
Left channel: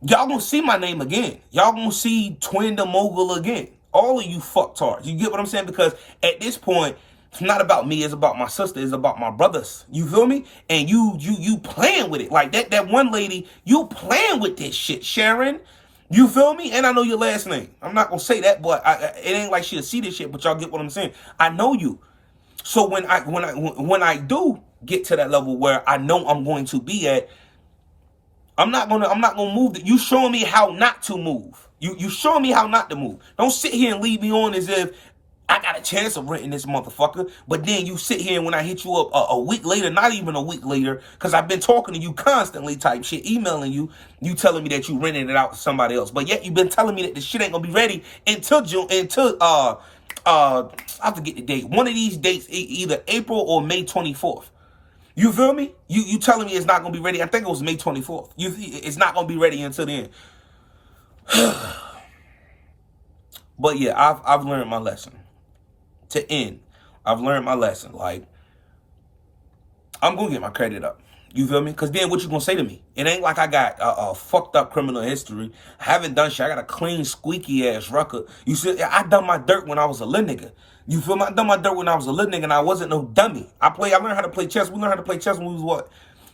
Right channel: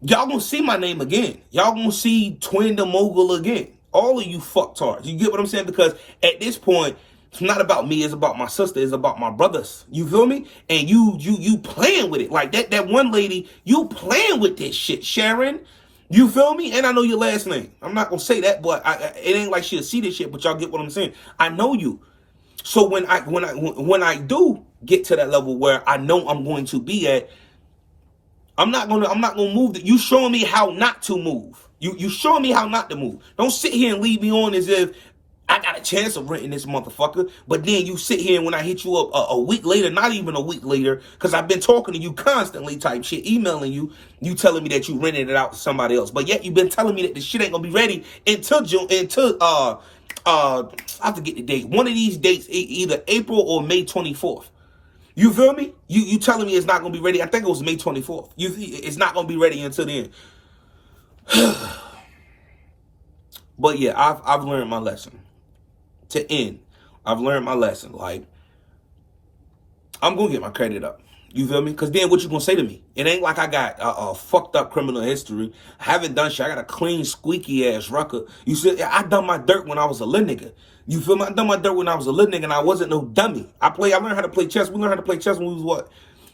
y'all gonna see my name again. Y'all gonna see Twin the Mogul again. All of you fucktards. You get what I'm saying? Because at this point, it's not about me. It's about my sister. It's about my brothers. You feel me? And you playing with it. Like that one lady, you playing with this shit, Sharon. You feel me? And I know your last name. I'm not going to say that, but it ain't like she'll see this shit, but y'all get what I'm saying. I know you. So when I do get to that level where I know I'm going to be at, I'm not going to move. You showing me how not to move. You showing me how not to move. Don't sit here and leave me on as if I got a chance of renting this motherfucker. But then you sit here and when I hit you up a week later, not even a week later, because I've been talking to you constantly type shit, emailing you, you telling me that you rented it out to somebody else. But yet you've been telling me that the shit ain't gonna be ready until June, I have to get the date. One of these dates, either April or May 24th. You feel me? You telling me it's not gonna be ready. I think it was May 24th. It's not gonna be ready until then. But yeah, I've learned my lesson. To end, I've learned my lesson. Like, I'm gonna get my credit up. You feel me? Because then what you gonna say to me? It ain't like I got a fucked up criminal history. I haven't done shit. I got a clean, squeaky ass record. You see, I done my dirt when I was a little nigga. You feel me? I done my dirt when I was a little nigga and I wasn't no dummy. I learned how to play chess. We learned how to play chess when we was what?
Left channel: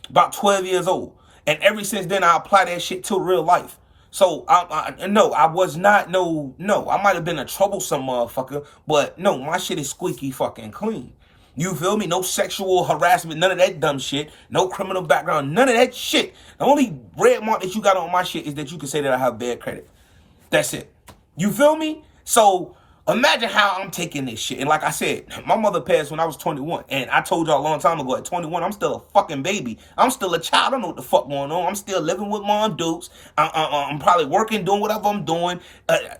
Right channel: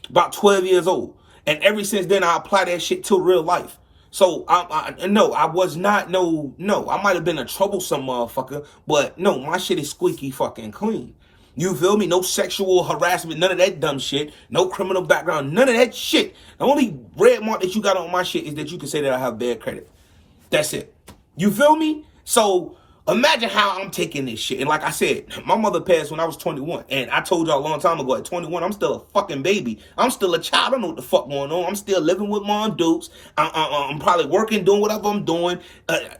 About 12 years old. And ever since then, I apply that shit to real life. So, no, I was not, no, I might have been a troublesome motherfucker, but no, my shit is squeaky fucking clean. You feel me? No sexual harassment, none of that dumb shit, no criminal background, none of that shit. The only red mark that you got on my shit is that you can say that I have bad credit. That's it. You feel me? So, imagine how I'm taking this shit. And like I said, my mother passed when I was 21. And I told y'all a long time ago, at 21, I'm still a fucking baby. I'm still a child. I don't know what the fuck going on. I'm still living with Mom Dukes. I'm probably working, doing whatever I'm doing. I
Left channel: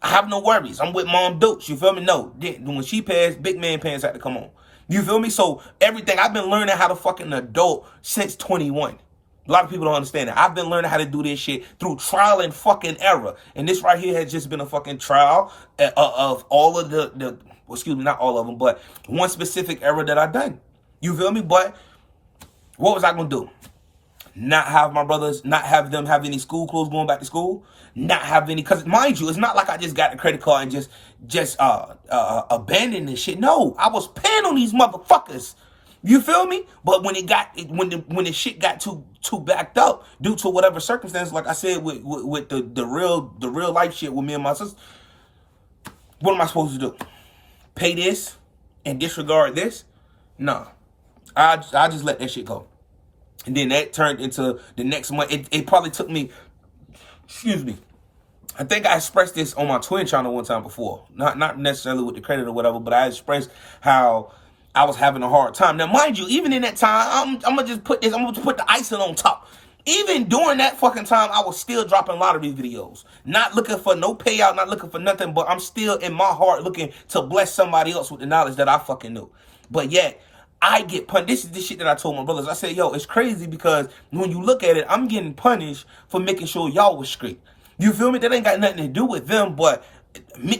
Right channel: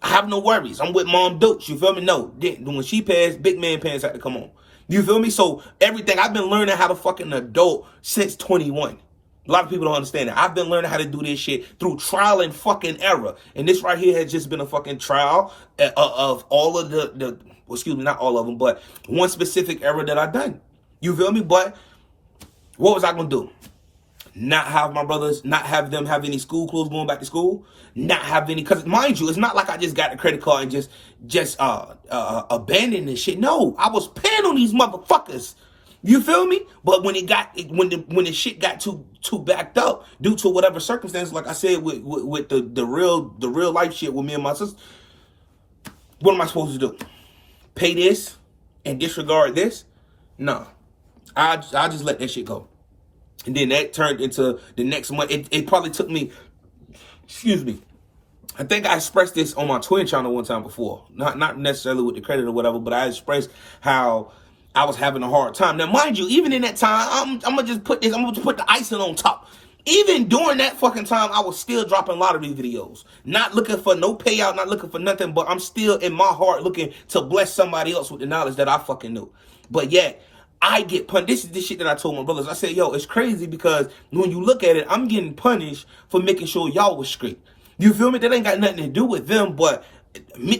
have no worries. I'm with Mom Dukes. You feel me? No. When she passed, big man pants had to come on. You feel me? So everything, I've been learning how to fucking adult since 21. A lot of people don't understand that. I've been learning how to do this shit through trial and fucking error. And this right here has just been a fucking trial of all of the excuse me, not all of them, but one specific error that I've done. You feel me? But what was I going to do? Not have my brothers, not have them have any school clothes going back to school? Not have any, because mind you, it's not like I just got the credit card and just abandoned this shit. No, I was paying on these motherfuckers. You feel me? But when when the shit got too backed up due to whatever circumstance, like I said with the real life shit with me and my sister, what am I supposed to do? Pay this and disregard this? Nah. I just let that shit go. And then that turned into the next month. It probably took me, excuse me, I think I expressed this on my twin channel one time before. Not necessarily with the credit or whatever, but I expressed how I was having a hard time. Now, mind you, even in that time, I'm gonna just put this, I'm gonna just put the icing on top. Even during that fucking time, I was still dropping lottery videos. Not looking for no payout, not looking for nothing, but I'm still in my heart looking to bless somebody else with the knowledge that I fucking knew. But yet, I get punished. This is the shit that I told my brothers. I said, yo, it's crazy because when you look at it, I'm getting punished for making sure y'all was straight. You feel me? That ain't got nothing to do with them, but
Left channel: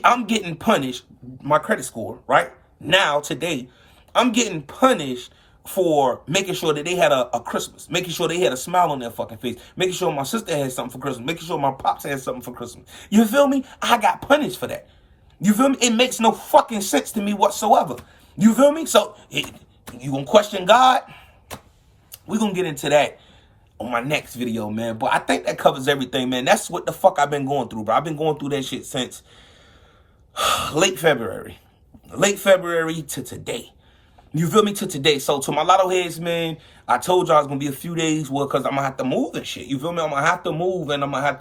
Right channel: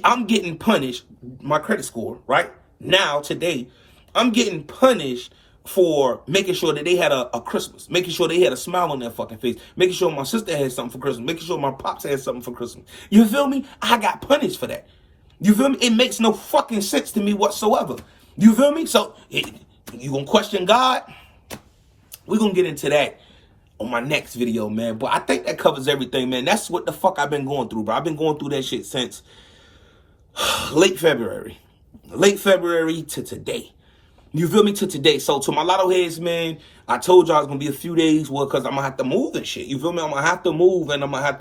I'm getting punished. My credit score, right? Now, today, I'm getting punished for making sure that they had a Christmas, making sure they had a smile on their fucking face, making sure my sister had something for Christmas, making sure my pops had something for Christmas. You feel me? I got punished for that. You feel me? It makes no fucking sense to me whatsoever. You feel me? So, you gonna question God? We're gonna get into that on my next video, man. But I think that covers everything, man. That's what the fuck I've been going through, bro. I've been going through that shit since late February to today. You feel me? To today. So to my lotto heads, man, I told y'all it's gonna be a few days, well, because I'm gonna have to move and shit. You feel me? I'm gonna have to move, and I'm gonna have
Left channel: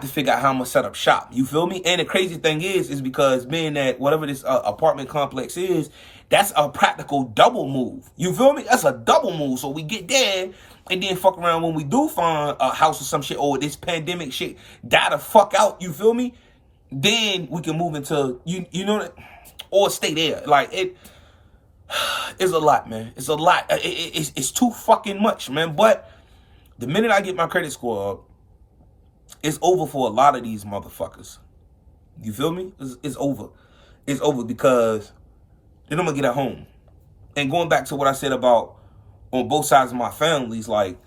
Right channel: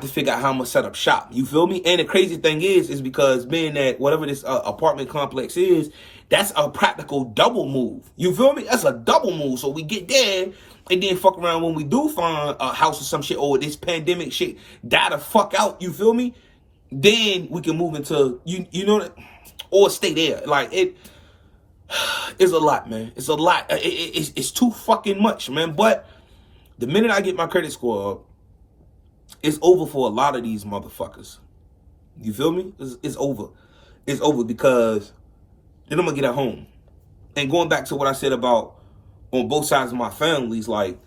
to figure out how I'm gonna set up shop. You feel me? And the crazy thing is because being that whatever this apartment complex is, that's a practical double move. You feel me? That's a double move. So we get there, and then fuck around when we do find a house or some shit, or this pandemic shit die the fuck out. You feel me? Then we can move into you know, or stay there. Like it's a lot, man. It's a lot. It's too fucking much, man. But the minute I get my credit score up, it's over for a lot of these motherfuckers. You feel me? It's over. It's over because then I'm gonna get at home. And going back to what I said about on both sides of my families, like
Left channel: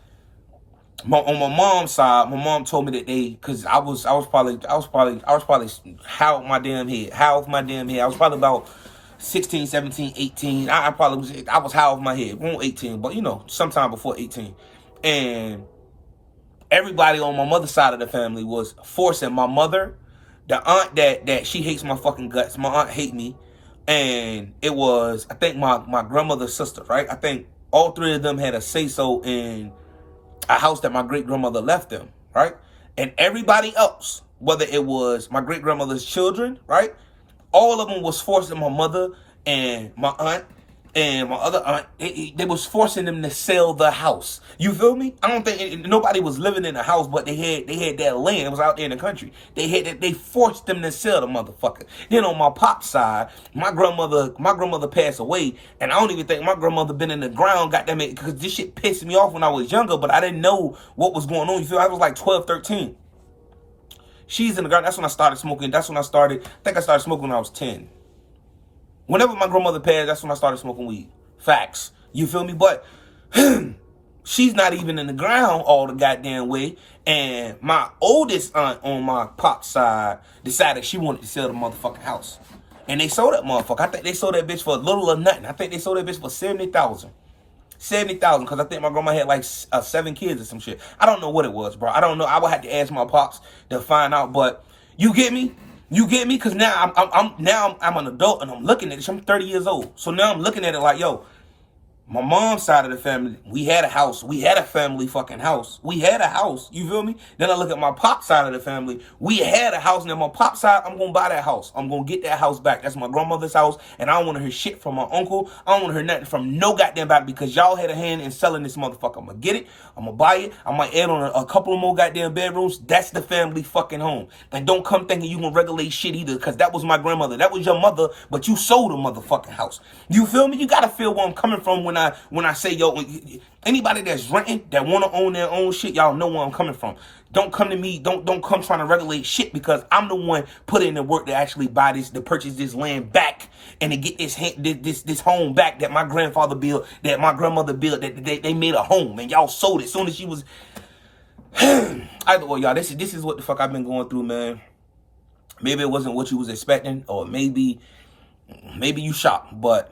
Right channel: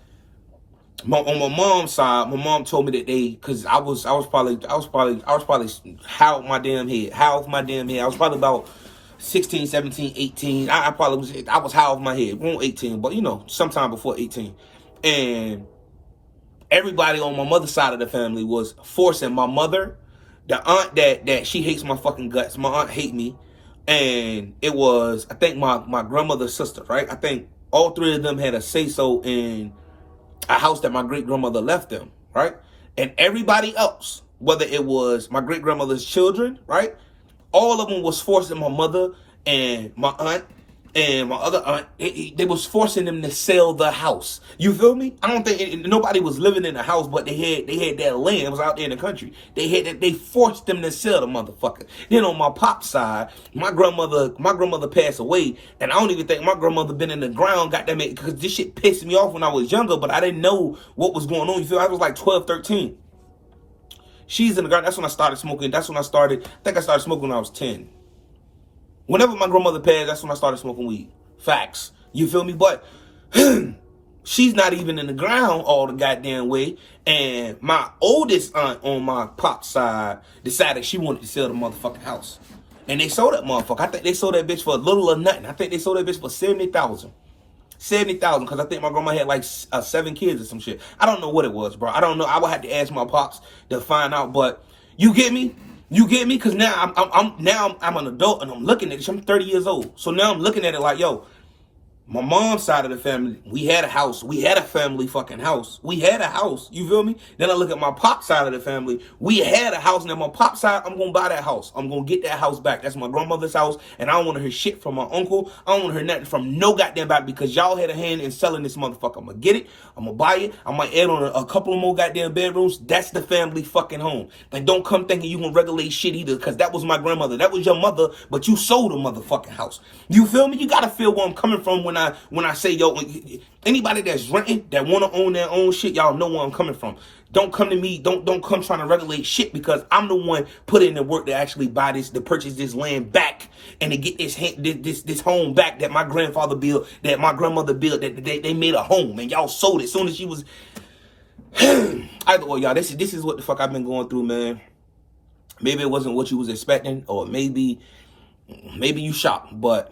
on my mom's side, my mom told me that because I was probably how my damn head. I was probably about 16, 17, 18. I was high off my head. Won't 18, but you know, sometime before 18. And everybody on my mother's side of the family was forcing my mother, the aunt that she hates my fucking guts. My aunt hate me. And it was, I think my grandmother's sister, right? I think all three of them had a say-so in a house that my great-grandmother left them, right? And everybody else, whether it was my great-grandmother's children, right? All of them was forcing my mother and my aunt and my other aunt, they was forcing them to sell the house. You feel me? I don't think nobody was living in the house, but they had that land. It was out there in the country. They forced them to sell the motherfucker. Then on my pop's side, my grandmother passed away, and I don't even think my grandmother been in the ground, goddamn it, because this shit pissed me off when I was younger, but I didn't know what was going on. You feel? I was like 12, 13. She's in the ground. That's when I started smoking. I think I started smoking when I was 10. Whenever my grandmother passed, that's when I started smoking weed. Facts. You feel me? But she's not even in the ground all the goddamn way. And my oldest aunt on my pop's side decided she wanted to sell the motherfucking house. And they sold that motherfucker. I think they sold that bitch for a little or nothing. I think they sold that bitch for $70,000. $70,000, because I think my grandma had like 7 kids or some shit. I don't know what it was, bro. I don't know. I would have to ask my pops to find out. But you get me? You get me? Because now I'm an adult and I'm looking at it. I'm 30 years old. So now I'm looking at it like, yo, my mom's side of the family, we had a house. We had a family fucking house. We had a house. You feel me? Then I look at my pop side of the family. We had a house. Now my pop side, I'm going to buy that house. I'm going to get that house back. That's my grandmother's house. And I don't want to hear shit from my uncle. I don't want to hear nothing from no goddamn body because y'all had a hand in selling this motherfucker. I'm going to get it. I'm going to buy it. I might add on a couple of more goddamn bedrooms. That's the family fucking home. And don't come thinking you going to regulate shit either, because that was my grandmother. That was your mother, but you sold a motherfucking house. You feel me? You got to feel where I'm coming from when I say, yo, anybody that's renting, that want to own their own shit, y'all know where I'm coming from. Don't come to me, don't come trying to regulate shit, because I'm the one putting in the work to actually buy this, to purchase this land back, and to get this home back that my grandfather built, that my grandmother built, that they made a home, and y'all sold it as soon as she was... Either way, y'all, this is what the fuck I've been going through, man. Maybe it wasn't what you was expecting, or maybe you shocked, but...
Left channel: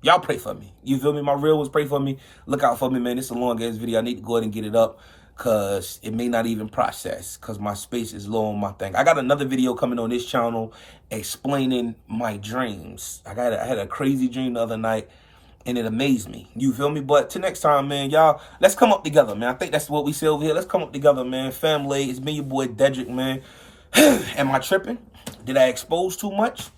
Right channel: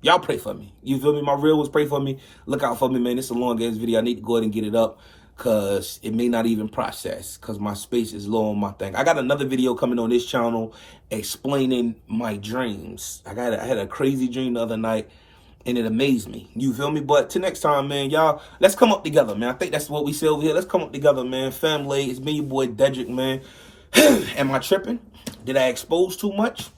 y'all pray for me. You feel me? My real ones pray for me. Look out for me, man. It's a long-ass video. I need to go ahead and get it up because it may not even process because my space is low on my thing. I got another video coming on this channel explaining my dreams. I had a crazy dream the other night, and it amazed me. You feel me? But till next time, man, y'all, let's come up together, man. I think that's what we say over here. Let's come up together, man. Family, it's me, your boy Dedrick, man. Am I tripping? Did I expose too much?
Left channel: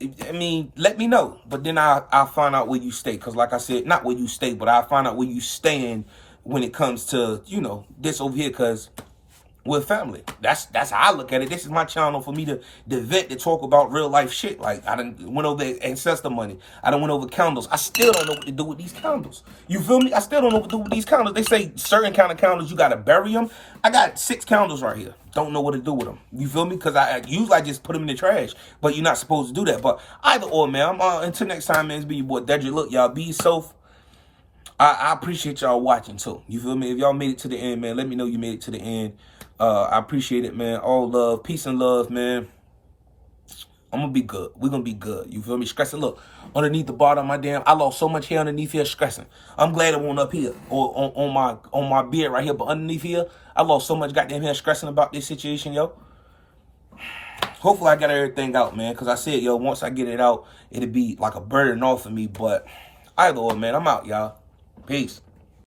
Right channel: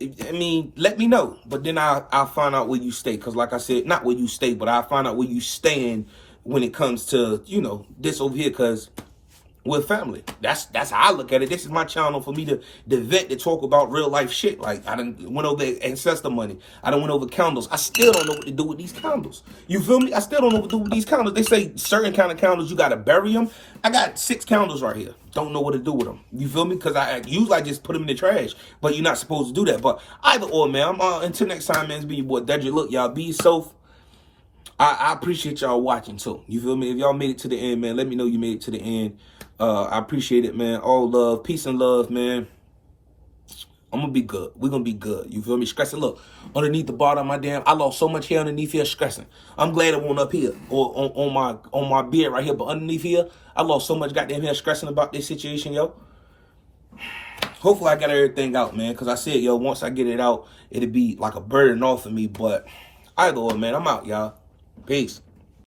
I mean, let me know. But then I'll find out where you stay. Because like I said, not where you stay, but I'll find out where you stand when it comes to, you know, this over here. Because we're family. That's how I look at it. This is my channel for me to vent, to talk about real life shit. Like, I done went over ancestor money. I done went over candles. I still don't know what to do with these candles. You feel me? I still don't know what to do with these candles. They say certain kind of candles, you got to bury them. I got 6 candles right here. Don't know what to do with them. You feel me? Because I usually I just put them in the trash. But you're not supposed to do that. But either or, man. Until next time, man, it's been your boy Dedrick. Look, y'all, be safe. I appreciate y'all watching too. You feel me? If y'all made it to the end, man, let me know you made it to the end. I appreciate it, man. All love, peace and love, man. I'm gonna be good. We're gonna be good. You feel me? Stressing. Look, underneath the bottom of my damn, I lost so much hair underneath here stressing. I'm glad it won't up here or on my beard right here, but underneath here, I lost so much goddamn hair stressing about this situation, yo. Hopefully I got everything out, man. Cause I said, yo, once I get it out, it'll be like a burden off of me. But either way, man, I'm out, y'all. Peace.